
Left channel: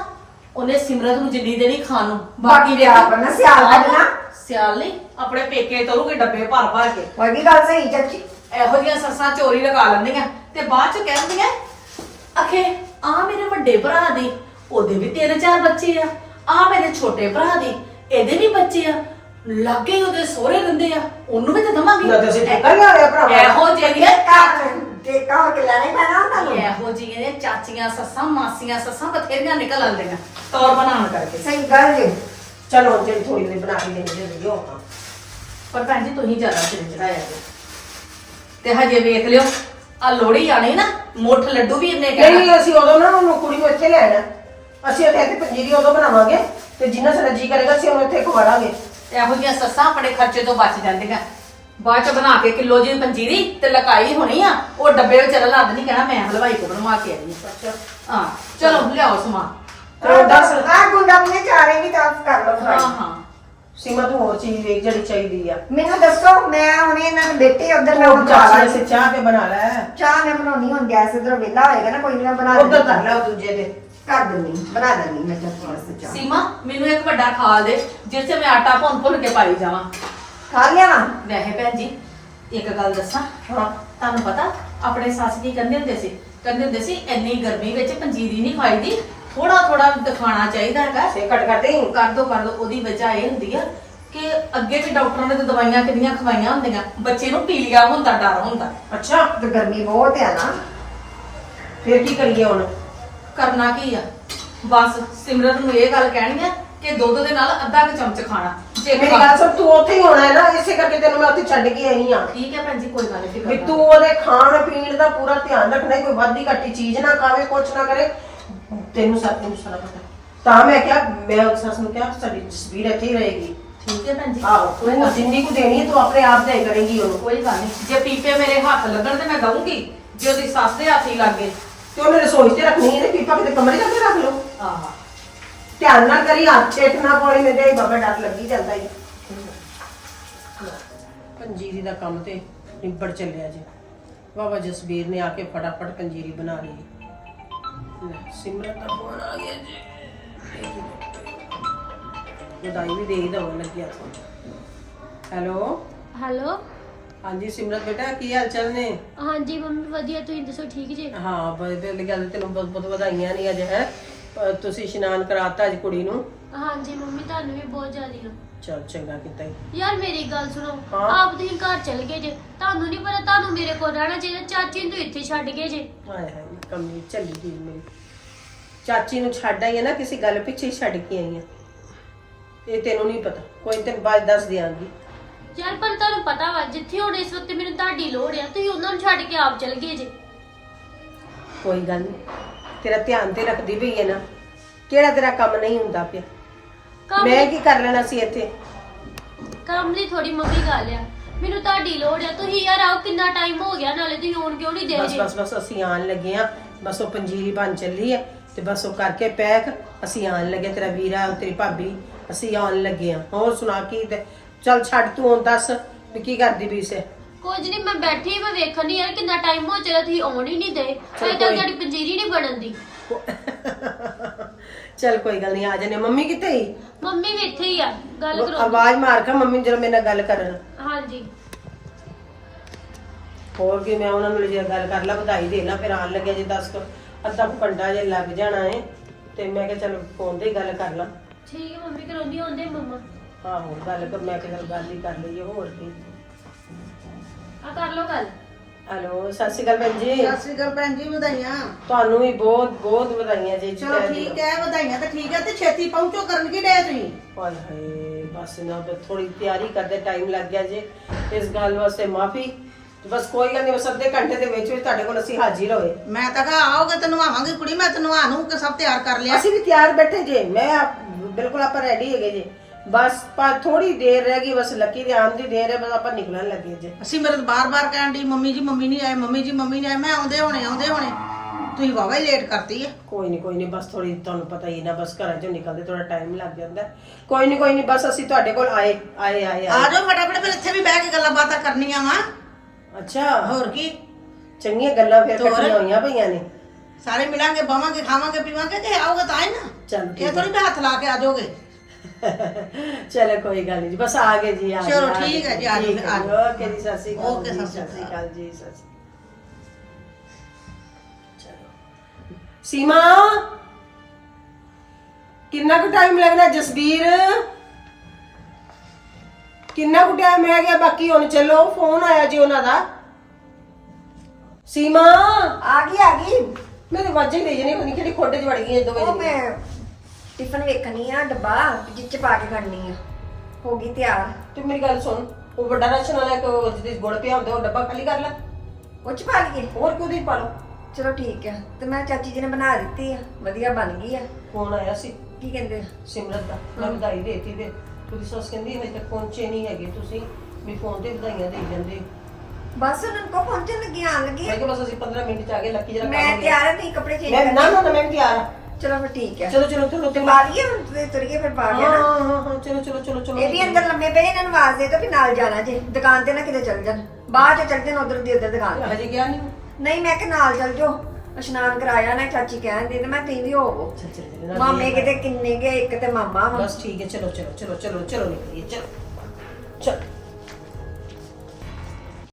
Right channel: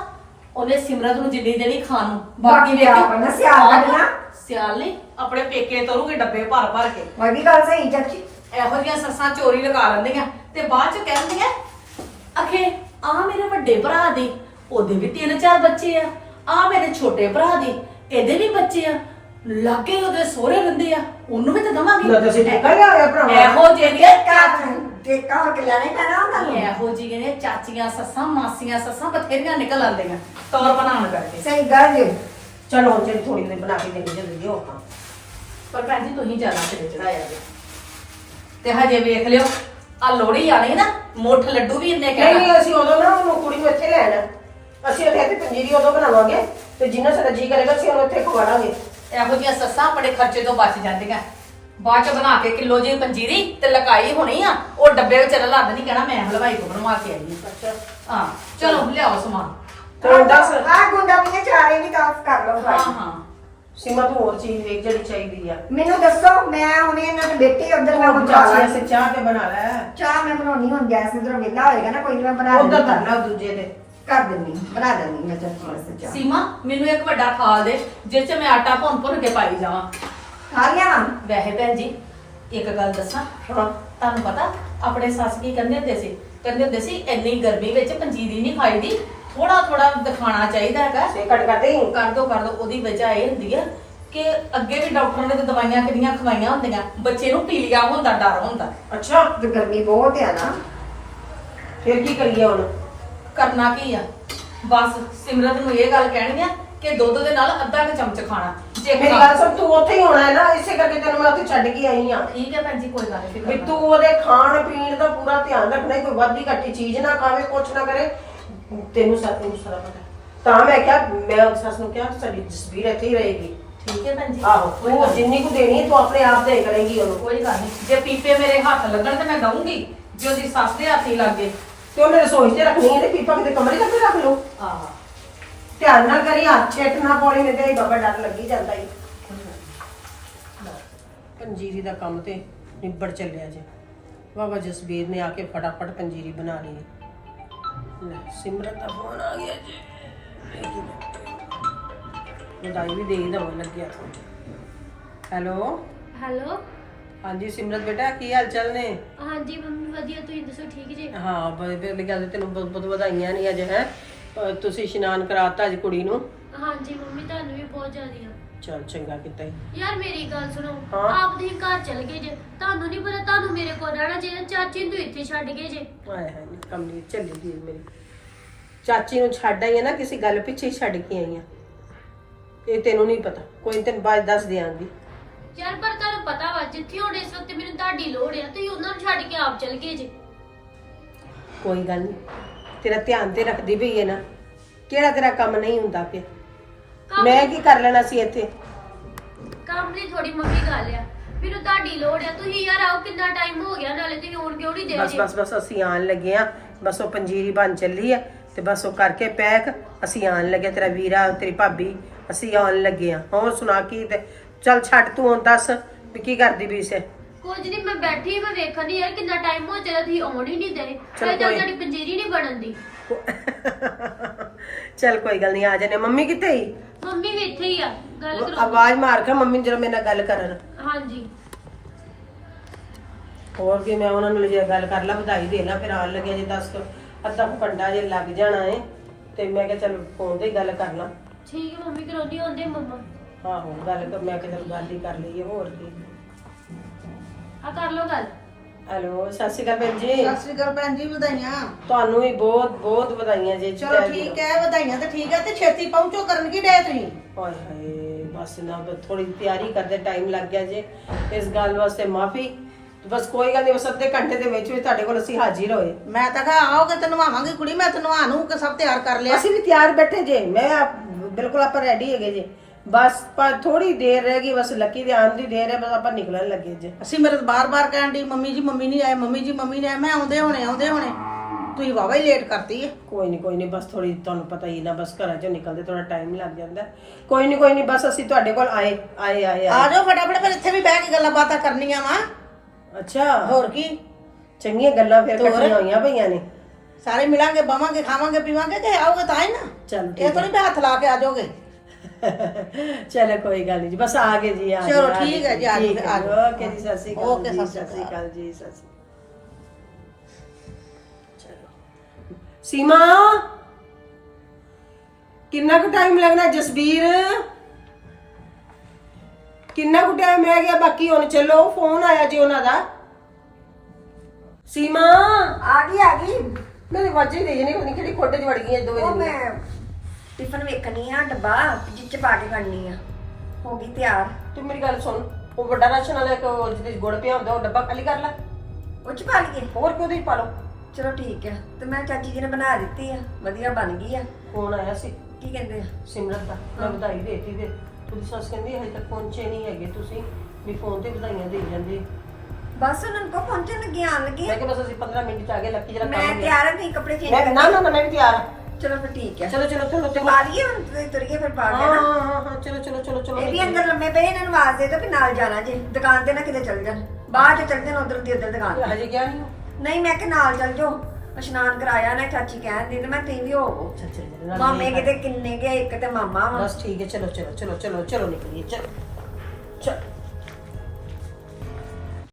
ਉਹਨੇ ਸਿਮਰਤ ਨੂੰ ਜਿੰਨੀ ਦੇਣੀ ਖਾਣ ਨੂੰ। ਬਾਕੀ ਵੇਖੋ, ਆਪ ਨਾ ਸਿਆਲ ਕੱਢਣਾ। ਸਿਆਲ ਨਹੀਂ ਆਪਣੇ ਪੇਕੇ ਤੋਰੂਗੇ ਡੱਬੇ ਭਰ ਭਰ ਕੇ। ਉਹ ਵੀ ਗੱਲ ਸਹੀ ਚਾਚੀ। ਇਹੋ ਜਿਹੀਆਂ ਸੱਸਾਂ ਚੋਰੀ ਲਗਾ ਲੈਂਦੀਆਂ ਤੇ ਬਾਅਦ ਚ ਕਹਿੰਦੀਆਂ ਅਖੇ ਆ ਮੇਰੇ ਵੱਡੇ ਭਰਾ ਦੀ ਉਹਦੇ ਵੀ ਤਿੰਨ ਚਾਰ ਬੱਚੇ ਆ ਆ ਮੇਰੇ ਛੋਟੇ ਭਰਾ ਦੀ ਇਹਦੇ ਵੀ ਬੱਚੇ ਆ। ਲਾਗੇ ਹੀ ਉਹਦੇ ਸਹੁਰੇ ਰਹਿੰਦੇ ਆ ਉਹਨੂੰ ਵੀ ਤਾਂ ਦਵਾਂਗੀ। ਨਾ ਤੁਸੀਂ ਠੇਕਾ ਲਿਆ ਹੋਇਆ ਭਰਾਵਾ ਇਹੋ ਘਰ ਤੇ ਘਰ ਕੇ ਲੈਣੇ ਪੈਣਾ ਉਹਨਾਂ ਨੂੰ। ਇਹੋ ਜਿਹੀਆਂ ਚਾਚੀਆਂ ਸੱਸਾਂ ਮਾਸੀਆਂ ਸੱਸਾਂ ਬਥੇਰੀਆਂ ਨਿਕਲ ਆਉਂਦੀਆਂ। ਤੌਰ ਬਣਾਉਣ ਕਰਕੇ। ਸਹੀ ਗੱਲ ਜੀ। ਚਲੋ ਜਿਹੜੀ ਥੋੜੀ ਦੇ ਬਣਾ ਕੇ ਦੇਣੀ ਜਲਦੀ ਹੋ ਪਰ ਭੈਣ ਜੀ ਤੁਸੀਂ ਜ਼ਿਆਦਾ ਸਿਰ ਚੜਾਇਆ ਜੀ ਤੇ ਹਜੇ ਵੇਖ ਲਿਓ ਆ ਲੋੜੀ ਆਣੀ ਨਾ ਮੁੱਠ ਲੱਡੂ ਵੀ ਇੰਨੇ ਕਹਿਣਾ। ਨਹੀਂ ਅਸੀਂ ਉਦੋਂ ਨਾ ਉਹਨੂੰ ਕੁੜੀ ਨੂੰ ਇੱਥੇ ਲੈਣਾ। ਅਸੀਂ ਉੱਥੇ ਇੱਥੇ ਪੰਜੀਰੀ ਉਦੋਂ ਬਣਾਵਾਂਗੇ ਤੇ ਜਿੰਨਾ ਸਾਡਾ ਜੀ ਕਰੇਗਾ ਅਸੀਂ ਉਹਨੂੰ ਇੱਥੇ ਖਵਾੜਾਂਗੇ ਇਹੋ ਜਿਹੀਆਂ ਸੱਸਾਂ ਆਪਣੇ ਖਰਚੇ ਤੋਂ ਬਚ ਜਾਂਦੀਆਂ। ਬਾਅਦ ਚ ਬਣਾ ਕੇ ਕਿਲੋ ਜੀ ਪੰਜੀਰੀ ਤੇ ਲਕਾਈ ਹੋਣੀ ਆ ਉਹ ਡੱਬੇ ਵਿੱਚ ਰਲਾ ਦੇਣੀ ਕਹਿਣਾ ਮੈਂ ਹਲਵਾਈ ਕੋ ਬਣਵਾ ਕੇ ਆਈ ਹਾਂ। ਹਾਂ ਚਲੋ ਲਿਆਓ ਸਮਾਨ। ਤੇ ਦੱਸ ਆ ਗੁੰਡਾ ਨੇ ਚਾਰੇ ਵੀ ਤਾਂ ਕਰ ਲਓ ਹਾਂ ਭਾਈ ਹਾਂ। ਸੀਮਾ ਤੂੰ ਹੋਰ ਚੀਜ਼ ਵੇਖ ਜਿਹੜੀ ਚਾਹੀਦੀ ਆ। ਮੈਨੂੰ ਦੱਸੋ ਮੈਂ ਹੁਣੇ ਇਹਨਾਂ ਨੂੰ ਬੇਟੀ ਉਧਰ ਮੈਂ ਤੂੰ ਬਣਾ ਚਾਹ ਲਾਂ। ਸੇ ਚਾਹ ਤੇ ਬਣਾ ਲੈ ਚਾਹ ਮੈਂ ਬਣਾਉਣੀ ਹੁੰਦੀ ਐ ਸਿੱਧਰ ਵੇਲਾ ਹੋਏਗਾ ਨਾ ਕੋਈ ਨੀ ਬਣਾ ਉਧਰ ਕਰ ਲੈ ਉਹ ਦੂਜੇ ਦੇ। ਕਰ ਦਿੰਦੀ ਬਣਾ ਦਿੰਦੀ ਮੈਂ ਵਾਸਤੇ ਚਾਹ। ਸੀਮਾ ਮੈਨੂੰ ਇੱਕ ਵੱਡਾ ਖਾਲ ਦੇ ਜਿਸ ਚ ਮੈਂ ਆਟਾ ਭੁੰਨ ਭੁੰਨ ਕੇ ਪਾਈ ਜਾਵਾਂ। ਵਾ ਵੈਸੇ ਭੈਣ ਜੀ ਇੱਕ ਗੱਲ ਦੱਸਾਂ ਹਾਂ। ਤੁਹਾਨੂੰ ਪਤਾ ਆਪਣੇ ਸੱਸ ਕੀ ਕਹਿੰਦੇ ਹੁੰਦੇ ਸੀ? ਕਹਿੰਦੇ ਹੁੰਦੇ ਸੀ ਇੰਨੀ ਗਰਮੀ ਵਿੱਚ ਪੰਜੀਰੀ ਨਹੀਂ ਖਾਈਦੀ ਥੋੜਾ ਥੋੜਾ ਦਿਖਾਣਾ ਚਾਹੀਦਾ ਹੈਗਾ। ਸੇ ਕੱਟ ਕਰਦੇ ਹੀ। ਕਰ ਦੋ ਕਰ ਦੋ ਉਹਦੀ ਵਜ੍ਹਾ ਇਹ ਹੁੰਦੀ ਆ ਕਿ ਅੱਗੇ ਵੀ ਡਾਕਟਰਾਂ ਨੇ ਤਾਂ ਦਵਾਈਆਂ ਕਿੰਨੀਆਂ ਖਵਾਈਆਂ ਹੁੰਦੀਆਂ ਬੱਚੇ ਨੂੰ ਪੀਲੀਆ ਹੁੰਦਾ ਡਰ ਹੁੰਦਾ। ਅੱਛਾ ਤੇ ਗਰਮੀ ਬਹੁਤ ਹੈ ਨਾ। ਫਿਰ ਕੀ ਕਰੀਏ ਹੁਣ? ਕਰਨਾ ਕੀ ਆ? ਬਸ ਸਿਮਰਤ ਨੂੰ ਇਹ ਗੱਲ ਕਹਿਣੀ ਆ ਕਿ ਦੁੱਧ ਦੇ ਨਾਲ ਅੱਧਾ ਕੁ ਚਮਚ ਖਾਣਾ। ਜੇ ਮੇਰੀ ਗੱਲ ਸੁਣ ਤੂੰ ਉੱਥੇ ਹੀ ਹੋਣਾ ਹੈ ਨਾ ਇਸੇ ਕਰਕੇ ਤੈਨੂੰ ਮੈਂ ਉੱਥੇ ਛੱਡ ਕੇ ਆਈ ਆ ਠੀਕ ਹੈ ਭੈਣ ਜੀ ਕੋਈ ਗੱਲ ਨਹੀਂ ਵੀ ਤੂੰ ਉਹਦੇ ਖਾਣ ਪੀਣ ਦਾ ਪੂਰਾ ਧਿਆਨ ਰੱਖਣਾ ਕੋਈ ਵੱਧੀ ਘੱਟੀ ਚੀਜ਼ ਨਾ ਖਾਵੇ ਕੁਛ ਨਾ ਕਰੇ। ਤੈਨੂੰ ਸਭ ਕੁਝ ਸਾਰਾ ਪਤਾ ਤਾਂ ਮੈਂ ਕਿਹਾ ਮੈਂ ਉਸ ਸੱਸ ਨੂੰ ਕਿਹਾ ਸਾਡੀ ਤਸਵੀਰ ਇੱਥੇ ਹੀ ਰਹੇਗੀ। ਠੀਕ ਹੈ ਭੈਣ ਜੀ ਆਹੋ ਕੋਈ ਤੂੰ ਜਿੰਨੀ ਕੁ ਦੇਣੀ ਹੈ ਤੂੰ ਆਪਣੇ ਆਪ ਦੇ ਕਰੇਗੀ ਉਹਨੂੰ। ਕੋਈ ਗੱਲ ਨਹੀਂ ਜੇ ਪੀਪੇ ਮੇਰੇ ਹੱਥ ਲੱਗਣ ਤੇ ਮੈਂ ਦਊਂਗੀ ਜੇ ਉਹਦੀ ਸੱਸ ਦੇ ਹੱਥ ਹੀ ਲੱਗ ਤੇ ਉਹਨੇ ਰਸੋਈ 'ਚ ਰੱਖਣੀ ਹੈ ਤੇ ਪੀਪਾ ਕਿਤੇ ਕਮਰੇ 'ਚ ਅੱਗੇ ਰੱਖ ਲਓ। ਆਹਾ। ਧਿਆਨ ਨਾਲ ਕਰੀ ਹੱਥ ਛੇਟ ਨਾ ਪਾਉਣੀ ਮੇਰੇ ਹੀ ਬਾਬਾ ਡਰ ਲੱਗੀ ਜਾਂਦਾ ਈ। ਪੰਜੀਰੀ ਦਾ ਕੰਮ ਤੇ ਨਿਬੜ ਚੱਲਿਆ ਜੇ। ਬਾਬਾ ਜਸਬੀਰ ਨੇ ਆ ਕੇ ਫਟਾਫਟ ਪੰਜੀਰੀ ਬਣਾ ਲਈ ਲੈ ਸਿਮਰਤ ਦਾ ਫੋਨ ਆ ਗਿਆ ਜੀ। ਵਧਾਈ ਵੀ ਦੇ ਹੀ ਦਵਾਂ ਲੱਗਿਆ ਹੈਲੋ? ਹੈਲੋ? ਹਾਂਜੀ ਸਿਮਰਤ ਬੇਟਾ ਕੀ ਹਾਲ ਚਾਲ ਨੇ? ਹਾਂਜੀ ਮੰਮੀ ਵਧੀਆ ਤੁਸੀਂ ਦੱਸੋ ਠੀਕ ਜੀ? ਹਾਂ ਬੜੇ ਗੱਲ ਤੈਨੂੰ ਬਹੁਤ ਬਹੁਤ ਵਧਾਈਆਂ ਨੇ ਅੱਜ ਹੈ? ਤੁਸੀਂ ਇਸ਼ਨਾਨ ਕਰਾਤਾ ਅੱਜ ਕੁੜੀ ਨੂੰ? ਹਾਂਜੀ ਮੰਮੀ ਤੁਹਾਨੂੰ ਵੀ ਬਹੁਤ ਜ਼ਿਆਦੀ। ਚਲ ਚੰਗਾ ਕੀਤਾ ਈ ਯਾਰ ਮੇਰੀ ਗੱਲ ਸੁਣੋ ਹਾਂ? ਆਪ ਤੁਸੀਂ ਘਰ ਚਲ ਗਏ ਜੇ। ਤੁਹਾਨੂੰ ਨਹੀਂ ਪਤਾ ਤੁਹਾਨੂੰ ਮੇਰੇ ਕੋਲ ਰਹਿਣਾ ਚਾਹੀਦਾ ਚਾਚੀ ਨੂੰ ਤੁਸੀਂ ਇੱਥੇ ਛੱਡ ਗਏ ਜੇ। ਹਾਏ ਹਾਏ ਕਮਲੀ ਚੱਲੀ ਗਈ ਮੇਰੀ। ਚਾਚੀ ਨੂੰ ਛੱਡ ਆਈ ਆ ਨਾ ਕਿਸੇ ਗੱਲ ਪਿੱਛੇ ਹੀ ਛੱਡ ਕੇ ਆਈ ਆ। ਇਹ ਤੈਨੂੰ ਨਹੀਂ ਪਤਾ ਕੋਈ ਨੀ, ਤੈਨੂੰ ਬਾਅਦ 'ਚ ਦੱਸ ਦਿਆਂਗੀ। ਯਾਰ ਪਰ ਤੁਹਾਨੂੰ ਪਤਾ ਵਾ ਜਿੱਥੇ ਹੁਣ ਇਸ ਵਕਤ ਮੈਨੂੰ ਤੁਹਾਡੀ ਲੋੜ ਆ ਤੁਸੀਂ ਉਹਨਾਂ ਨੂੰ ਛੱਡ ਕੇ ਆਪ ਚਲ ਗਏ ਜੇ। ਕੋਈ ਗੱਲ ਨਹੀਂ ਤੇਰਾ ਧਿਆਨ ਤੇ ਰੱਖਦੀ ਪਈ ਹੈ ਨਾ ਕਿਹੜਾ ਤੇਰਾ ਕੰਮ ਨਹੀਂ ਹੁੰਦਾ ਪਿਆ? ਕੰਮ- ਮੈਂ ਕੀ ਕਰ ਲੈਣਾ ਸੀ ਇੱਥੇ? ਕੰਮ ਲਈ ਥੋੜੀ ਮੰਮੀ ਗੱਲ ਆ। ਮੈਨੂੰ ਤੁਹਾਡੀ ਲੋੜ ਆ ਤੁਸੀਂ ਯਾਰ ਆਓ ਕਿੰਨਾ ਟਾਈਮ ਹੋ ਗਿਆ ਨਾਲੇ ਤੁਸੀਂ ਆਉਣ ਕਿਉਂ ਨਹੀਂ ਦੇ ਬਸ ਜੇ ਬਸ ਬਸ ਅਸੀਂ ਆਣ ਲੱਗੇ ਆ ਬਸ ਉਹ ਪੰਜੀਰੀ ਬਣ ਚੱਲੀ ਹੈ ਤੇ ਬਸ ਉਹ ਕਰਕੇ ਪੈਕ ਅਸੀਂ ਆਣ ਲੱਗੇ ਤੇਰਾ ਵੀਰਾ ਤੇਰੀ ਭਾਬੀ ਅਸੀਂ ਆਉਣ ਲੱਗੇ ਆ ਹੋਰ ਸੁਣਾ ਕੀ ਤੇ ਚੱਲ ਛੱਡ ਤੂੰ ਹੁਣ ਦੱਸ ਵੀ ਕੀ ਕਰਦੀ ਵੀ ਸੇ। ਕੁਝ ਨਹੀਂ ਮੈਂ ਬੈਠੀ ਮੈਂ ਵੇਖਣ ਯਾਰ ਕਿੰਨਾ ਟਾਈਮ ਹੋ ਚੱਲਿਆ ਤੁਸੀਂ ਆਉਣ ਹੀ ਨਹੀਂ ਦੇ। ਚਲੋ ਤੱਕ ਕੋਈ- ਤੁਹਾਡੀ ਪੰਜੀਰੀ ਨਹੀਂ ਬਣਨ ਦੀ। ਚੱਲ ਕੋਈ ਗੱਲ ਨਹੀਂ ਆ ਜਾਨੇ ਮੰਮੀ ਕਿੱਥੇ ਹੀ ਮੰਮੀ ਵੀ ਇੱਥੇ ਹੀ ਆ ਗੱਲ ਕਰੋ ਆਵਾਜ਼ ਮਾਰ ਕੇ ਮੰਮੀ ਜਦੋਂ ਮੇਰੇ ਨਾਲ ਗੱਲ ਕਰਨ। ਹਾਂਜੀ। ਹੋਰ ਕੀ ਮੈਂ ਉਹਨਾਂ ਨੂੰ ਲਿਜਾ ਗੱਲ ਕਰ ਲਾ ਵਧਾਈ ਦੇ ਲਾ ਫਿਰ ਆਣ ਲੱਗਿਆ ਜੇ 10 ਅੱਧਾ ਕੁ ਘੰਟਾ ਜੇ ਲੱਗ ਜਾਣਾ ਏ ਤੇ ਮੈਂ ਕਿਹਾ ਚਲ ਫੋਨ ਤੇ ਹੀ ਗੱਲ ਕਰ ਲਾਂ। ਠੀਕ ਹੈ ਮੰਮੀ ਕਰਾਉਂਦੀ ਹੁੰਦੇ ਮੰਮਾ। ਆਹੋ ਗੱਲ ਕਰ ਮੈਂ ਕਿਹਾ ਚੱਲ ਗੱਲ ਹੀ ਕਰ ਲਈਏ ਹੋਰ ਕੀ। ਆ ਕਰ ਲੋ ਗੱਲ। ਹੈਲੋ ਸਤਿ ਸ਼੍ਰੀ ਅਕਾਲ ਭੈਣ ਜੀ। ਸਤਿ ਸ਼੍ਰੀ ਅਕਾਲ ਭੈਣ ਜੀ ਵਧਾਈਆਂ। ਤੁਹਾਨੂੰ ਵੀ ਬਹੁਤ ਬਹੁਤ ਵਧਾਈਆਂ ਜੀ ਚਲੋ ਠੀਕ ਹੈ ਵਧਾਈਆਂ ਤਾਂ ਠੀਕ ਹੈ ਤੇ ਛੇਤੀ ਪਹੁੰਚੋ ਕਰਨ ਕੀ ਡੇ ਤੁਸੀਂ। ਹਾਏ ਹਾਏ ਬਸ ਨਾ ਥੋੜੀ ਤਿਆਰੀ ਕਰਦੇ ਟਾਈਮ ਲੱਗ ਗਿਆ ਜੇ। ਇਸ ਗੱਲ ਵਾਸਤੇ ਮਾਫੀ। ਬਸ ਕੋਈ ਗੱਲ ਨਹੀਂ ਬਸ ਅੱਧੇ ਘੰਟੇ ਦੇ ਵਿੱਚ ਵਿੱਚ ਤੁਹਾਡੇ ਕੋਲ ਅਸੀਂ ਹਾਜ਼ਰ ਹੋਏ। ਮੈਂ ਤਾਂ ਕਿਹਾ ਆਓਗੇ ਤੇ ਨਵਾਵਾਂਗੀ ਕੁੜੀ ਮੈਂ ਤੇ ਨਵਾ ਨੂੰ ਕਿ ਸਭ ਤਿਆਰ ਕਰ ਲਿਆ। ਅਸੀਂ ਵੀ ਤਿਆਰ ਬੈਠੇ ਜੇ ਮੈਂ ਆਪ- ਬਿਲਕੁਲ ਆਪਾਂ ਰੈਡੀ ਹੈਗੇ ਜੇ। ਬਸ ਪਰ ਥੋੜੀ ਦੇਰ ਰਹਿ ਗਈ ਬਸ ਲੱਕੀ ਦੇ ਆਉਣ ਦੀ ਦੇਰ ਹੈ ਬਸ ਆਪਾਂ ਨਿਕਲਣ ਲੱਗੇ ਜੇ ਸਿਮਰਤ ਬਾਰ-ਬਾਰ ਕਹਿਣ ਦੀ ਮੰਮੀ ਜੀ ਮੰਮੀ ਨਹੀਂ ਆਏ ਮੰਮੀ ਜੀ ਮੰਮੀ ਨਹੀਂ ਆਏ। ਮੈਂ ਆਉਂਦੇ ਹੋਣੇ ਆਉਂਦੇ ਹੋਣੇ। ਤੁਸੀਂ ਵਾਵਾ ਹੀ ਲੇਟ ਕਰਤੀ ਆ। ਕੋਈ ਨਹੀਂ ਕੋਈ ਨਹੀਂ ਬਸ ਥੋੜੀ ਤੁਹਾਨੂੰ ਪਤਾ ਹੀ ਨਾ ਬਸ ਘਰਾਂ ਚੋਂ ਨਿਕਲਦੇ ਥੋੜਾ ਟਾਈਮ ਲੱਗ ਜਾਂਦਾ। ਹੈ। ਕੋਈ ਨਹੀਂ ਕੋਈ ਨਹੀਂ ਬਸ ਅਸੀਂ ਤੁਹਾਡੇ ਕੋਲ ਆਏ ਆਏ ਆਏ ਆ ਆਏ ਜਾਓ ਫਟਾਫਟ ਫਿਰ ਇੱਥੇ ਵੀ ਬਹਿ ਕੇ ਗੱਲਾਂ ਬਾਤਾਂ ਕਰਨੀਆਂ ਵਾ। ਅੱਛਾ। ਹੋਰ ਕੀ? ਚੰਗੀਆਂ ਗੱਲਾਂ ਫਿਰ ਹੋਰ? ਇਕੱਠੀਆਂ ਹੋਈਆਂ ਪਈਆਂ ਨੇ। ਸਾਰੇ ਮਿਲਾਂਗੇ ਬਾਵਾਂਗੇ ਖਾਵਾਂਗੇ ਪੀਵਾਂਗੇ ਕਿ ਆਓਗੇ ਤਾਂ ਹੀ ਨਾ। ਚਲ ਇਹ ਠੀਕ ਥੋੜੀ ਹੱਥ ਲਾ ਕੇ ਆ ਜਾਓਗੇ। ਹੈ ਚਲੋ ਕੋਈ ਗੱਲ ਨਹੀਂ ਜੀ ਬਸ ਆ ਗਏ ਜੀ ਆ ਗਏ, ਚਲੋ, ਆ ਗਏ ਠੀਕ ਹੈ ਜੀ, ਆ ਠੀਕ ਹੈ ਜੀ। ਓਕੇ ਜੀ ਸਤਿ ਸ਼੍ਰੀ ਅਕਾਲ ਓਕੇ, ਜੀ ਸਤਿ ਸ਼੍ਰੀ ਅਕਾਲ ਜੀ। ਸਤਿ ਸ਼੍ਰੀ ਅਕਾਲ। ਚਲੋ। ਸੀਮਾ ਕਿੰਨਾ ਕੁ ਟਾਈਮ ਲੱਗਣਾ ਜਸਬੀਰ? ਕਿੰਨਾ ਕੁ ਟਾਈਮ ਰਹਿ ਗਿਆ? ਬਾਕੀ ਹੁਣ ਚੱਲੋ ਫੋਨ ਆਇਆ ਜੀ ਉਹਨਾਂ ਦਾ। ਸੀਮਾ ਆ ਗਈ ਆ ਗਈ। ਮੇਰੇ ਵਾਜੇ ਹੀ ਰਹੀ ਨਹੀਂ ਕਿਹੜੀ ਖੋਡੇ ਚ ਵੜ ਗਈਆਂ ਦੋਵੇਂ ਉਹ ਜਣੀਆਂ ਮੈਂ ਟਿਫਨ ਵੇਖਣੀ ਆ ਡੱਬਾ ਜਿੱਚ ਪਾ ਕੇ ਖੜਨੀ ਆ। ਹੋ ਗਈ ਤਿਆਰ। ਤੂੰ ਮੇਰੀ ਗੱਲ ਸੁਣ ਉਹ ਵੱਡਾ ਰਾਸ਼ਨ ਵਾਲਾ ਇੱਕ ਉਹ ਜਿਹਦੇ 'ਚ ਗੁੜ ਪਿਆ ਹੁੰਦਾ ਉਹ ਡੱਬਾ ਖਾਲੀ ਕਰ ਲੈ। ਉਹ ਚ ਪਾ ਲਈਏ? ਹੋਰ ਕਿਉਂ ਨਹੀਂ ਪਾ ਲਓ? ਚਲੋ ਠੀਕ ਹੈ ਤੇ ਮੈਂ ਚਾਚੀ ਜੀ ਨੇ ਬਣਾ ਦਿੱਤੀ ਆ ਵਧੀਆ ਬਣ ਗਈ ਆ। ਫੋਨ ਆਇਆ ਸੀ? ਕੀ ਕਹਿੰਦੇ ਆ? ਸਿਮਰਤ ਦਾ। ਮੈਂ ਵਧਾਈ ਦੇਤੀ ਤੇ ਉਹਦੀ ਸੱਸ ਕਹਿੰਦੀ ਹਜੇ ਤੱਕ ਪਹੁੰਚੇ ਨਹੀਂ ਹੈਗੇ ਤੁਸੀਂ। ਵੀ ਫੋਨ ਤੇ ਵਧਾਈਆਂ ਦੇਈ ਜਾਂਦੇ। ਬਸ ਉਹਨਾਂ ਨੂੰ ਕੋ ਪਹੁੰਚਣ ਲੱਗੀ ਆਣ ਲੱਗੀ। ਮੈਂ ਕਿਹਾ ਬਸ ਅਸੀਂ 15 ਮਿੰਟ ਚ ਆ ਗਏ ਲੱਕੀ ਜਰਾ ਮੈਂ ਕੰਮ ਤਿਆਰ ਹਾਂ ਨਹੀਂ ਕੱਪੜੇ ਚੇਂਜ ਮੈਂ ਨਾ ਨਾ ਨਾ, ਮੈਂ ਵੀ ਤਿਆਰ ਹਾਂ ਚਲੋ ਫਿਰ ਠੀਕ ਹੈ। ਚਲੋ ਚਲੋ ਚਲੋ ਤੇ ਪਾ ਲਈਏ ਹੁਣ ਤੇ ਤੁਰੀਏ ਫਿਰ ਪਾ ਗਿਆ ਹਾਂ ਨਾ ਹਾਂ ਹਾਂ ਚਲੋ ਚਲੋ ਚਲੋ ਚਲੋ ਇਹ ਵੀ ਅੰਦਰ ਲੰਮੇ ਪਏ ਇਹਨਾਂ ਨੂੰ ਆਵਾਜ਼ ਦੇ ਦੋ ਵੀ ਨਾਲ ਜਾਣਾ ਜੇ ਦੁਕਾਨ ਤੇ ਨਾ ਕਿਤੇ ਚੱਲ ਜਾਣ। ਬਾਹਰ ਚ ਚੱਲ ਜਾਣ ਉਧਰ ਦੀ ਉਧਰ ਦੁਕਾਨ ਤੇ। ਹਜੇ ਗਿਆ ਨਹੀਂ ਨਹੀਂ ਮੈਂ ਕਿ ਨਾਲ ਚੱਲ ਜਾਓ। ਇਸ਼ਨਾਨ ਕਰਾਇਆ ਨਾ ਚਾਚੀ ਕਹਿੰਦੀ ਤੇ ਮੈਂ ਤੀ ਵੀ ਹੋਵੋ ਚੱਲ ਚੱਲ ਚੱਲ, ਨਾਲ ਮਾਮੇ ਦੇਖ ਕਿਤੇ ਕਿੰਨੇ ਗਏ ਇੱਕ ਤੇ ਮਾਮਾ ਵਾ। ਬਸ ਠੀਕ ਹੈ ਚਲੋ ਚਲੋ ਚਲੋ ਚਲੋ ਚਲੋ ਨਿਕਲੀਏ ਚਲੋ। ਚਲ।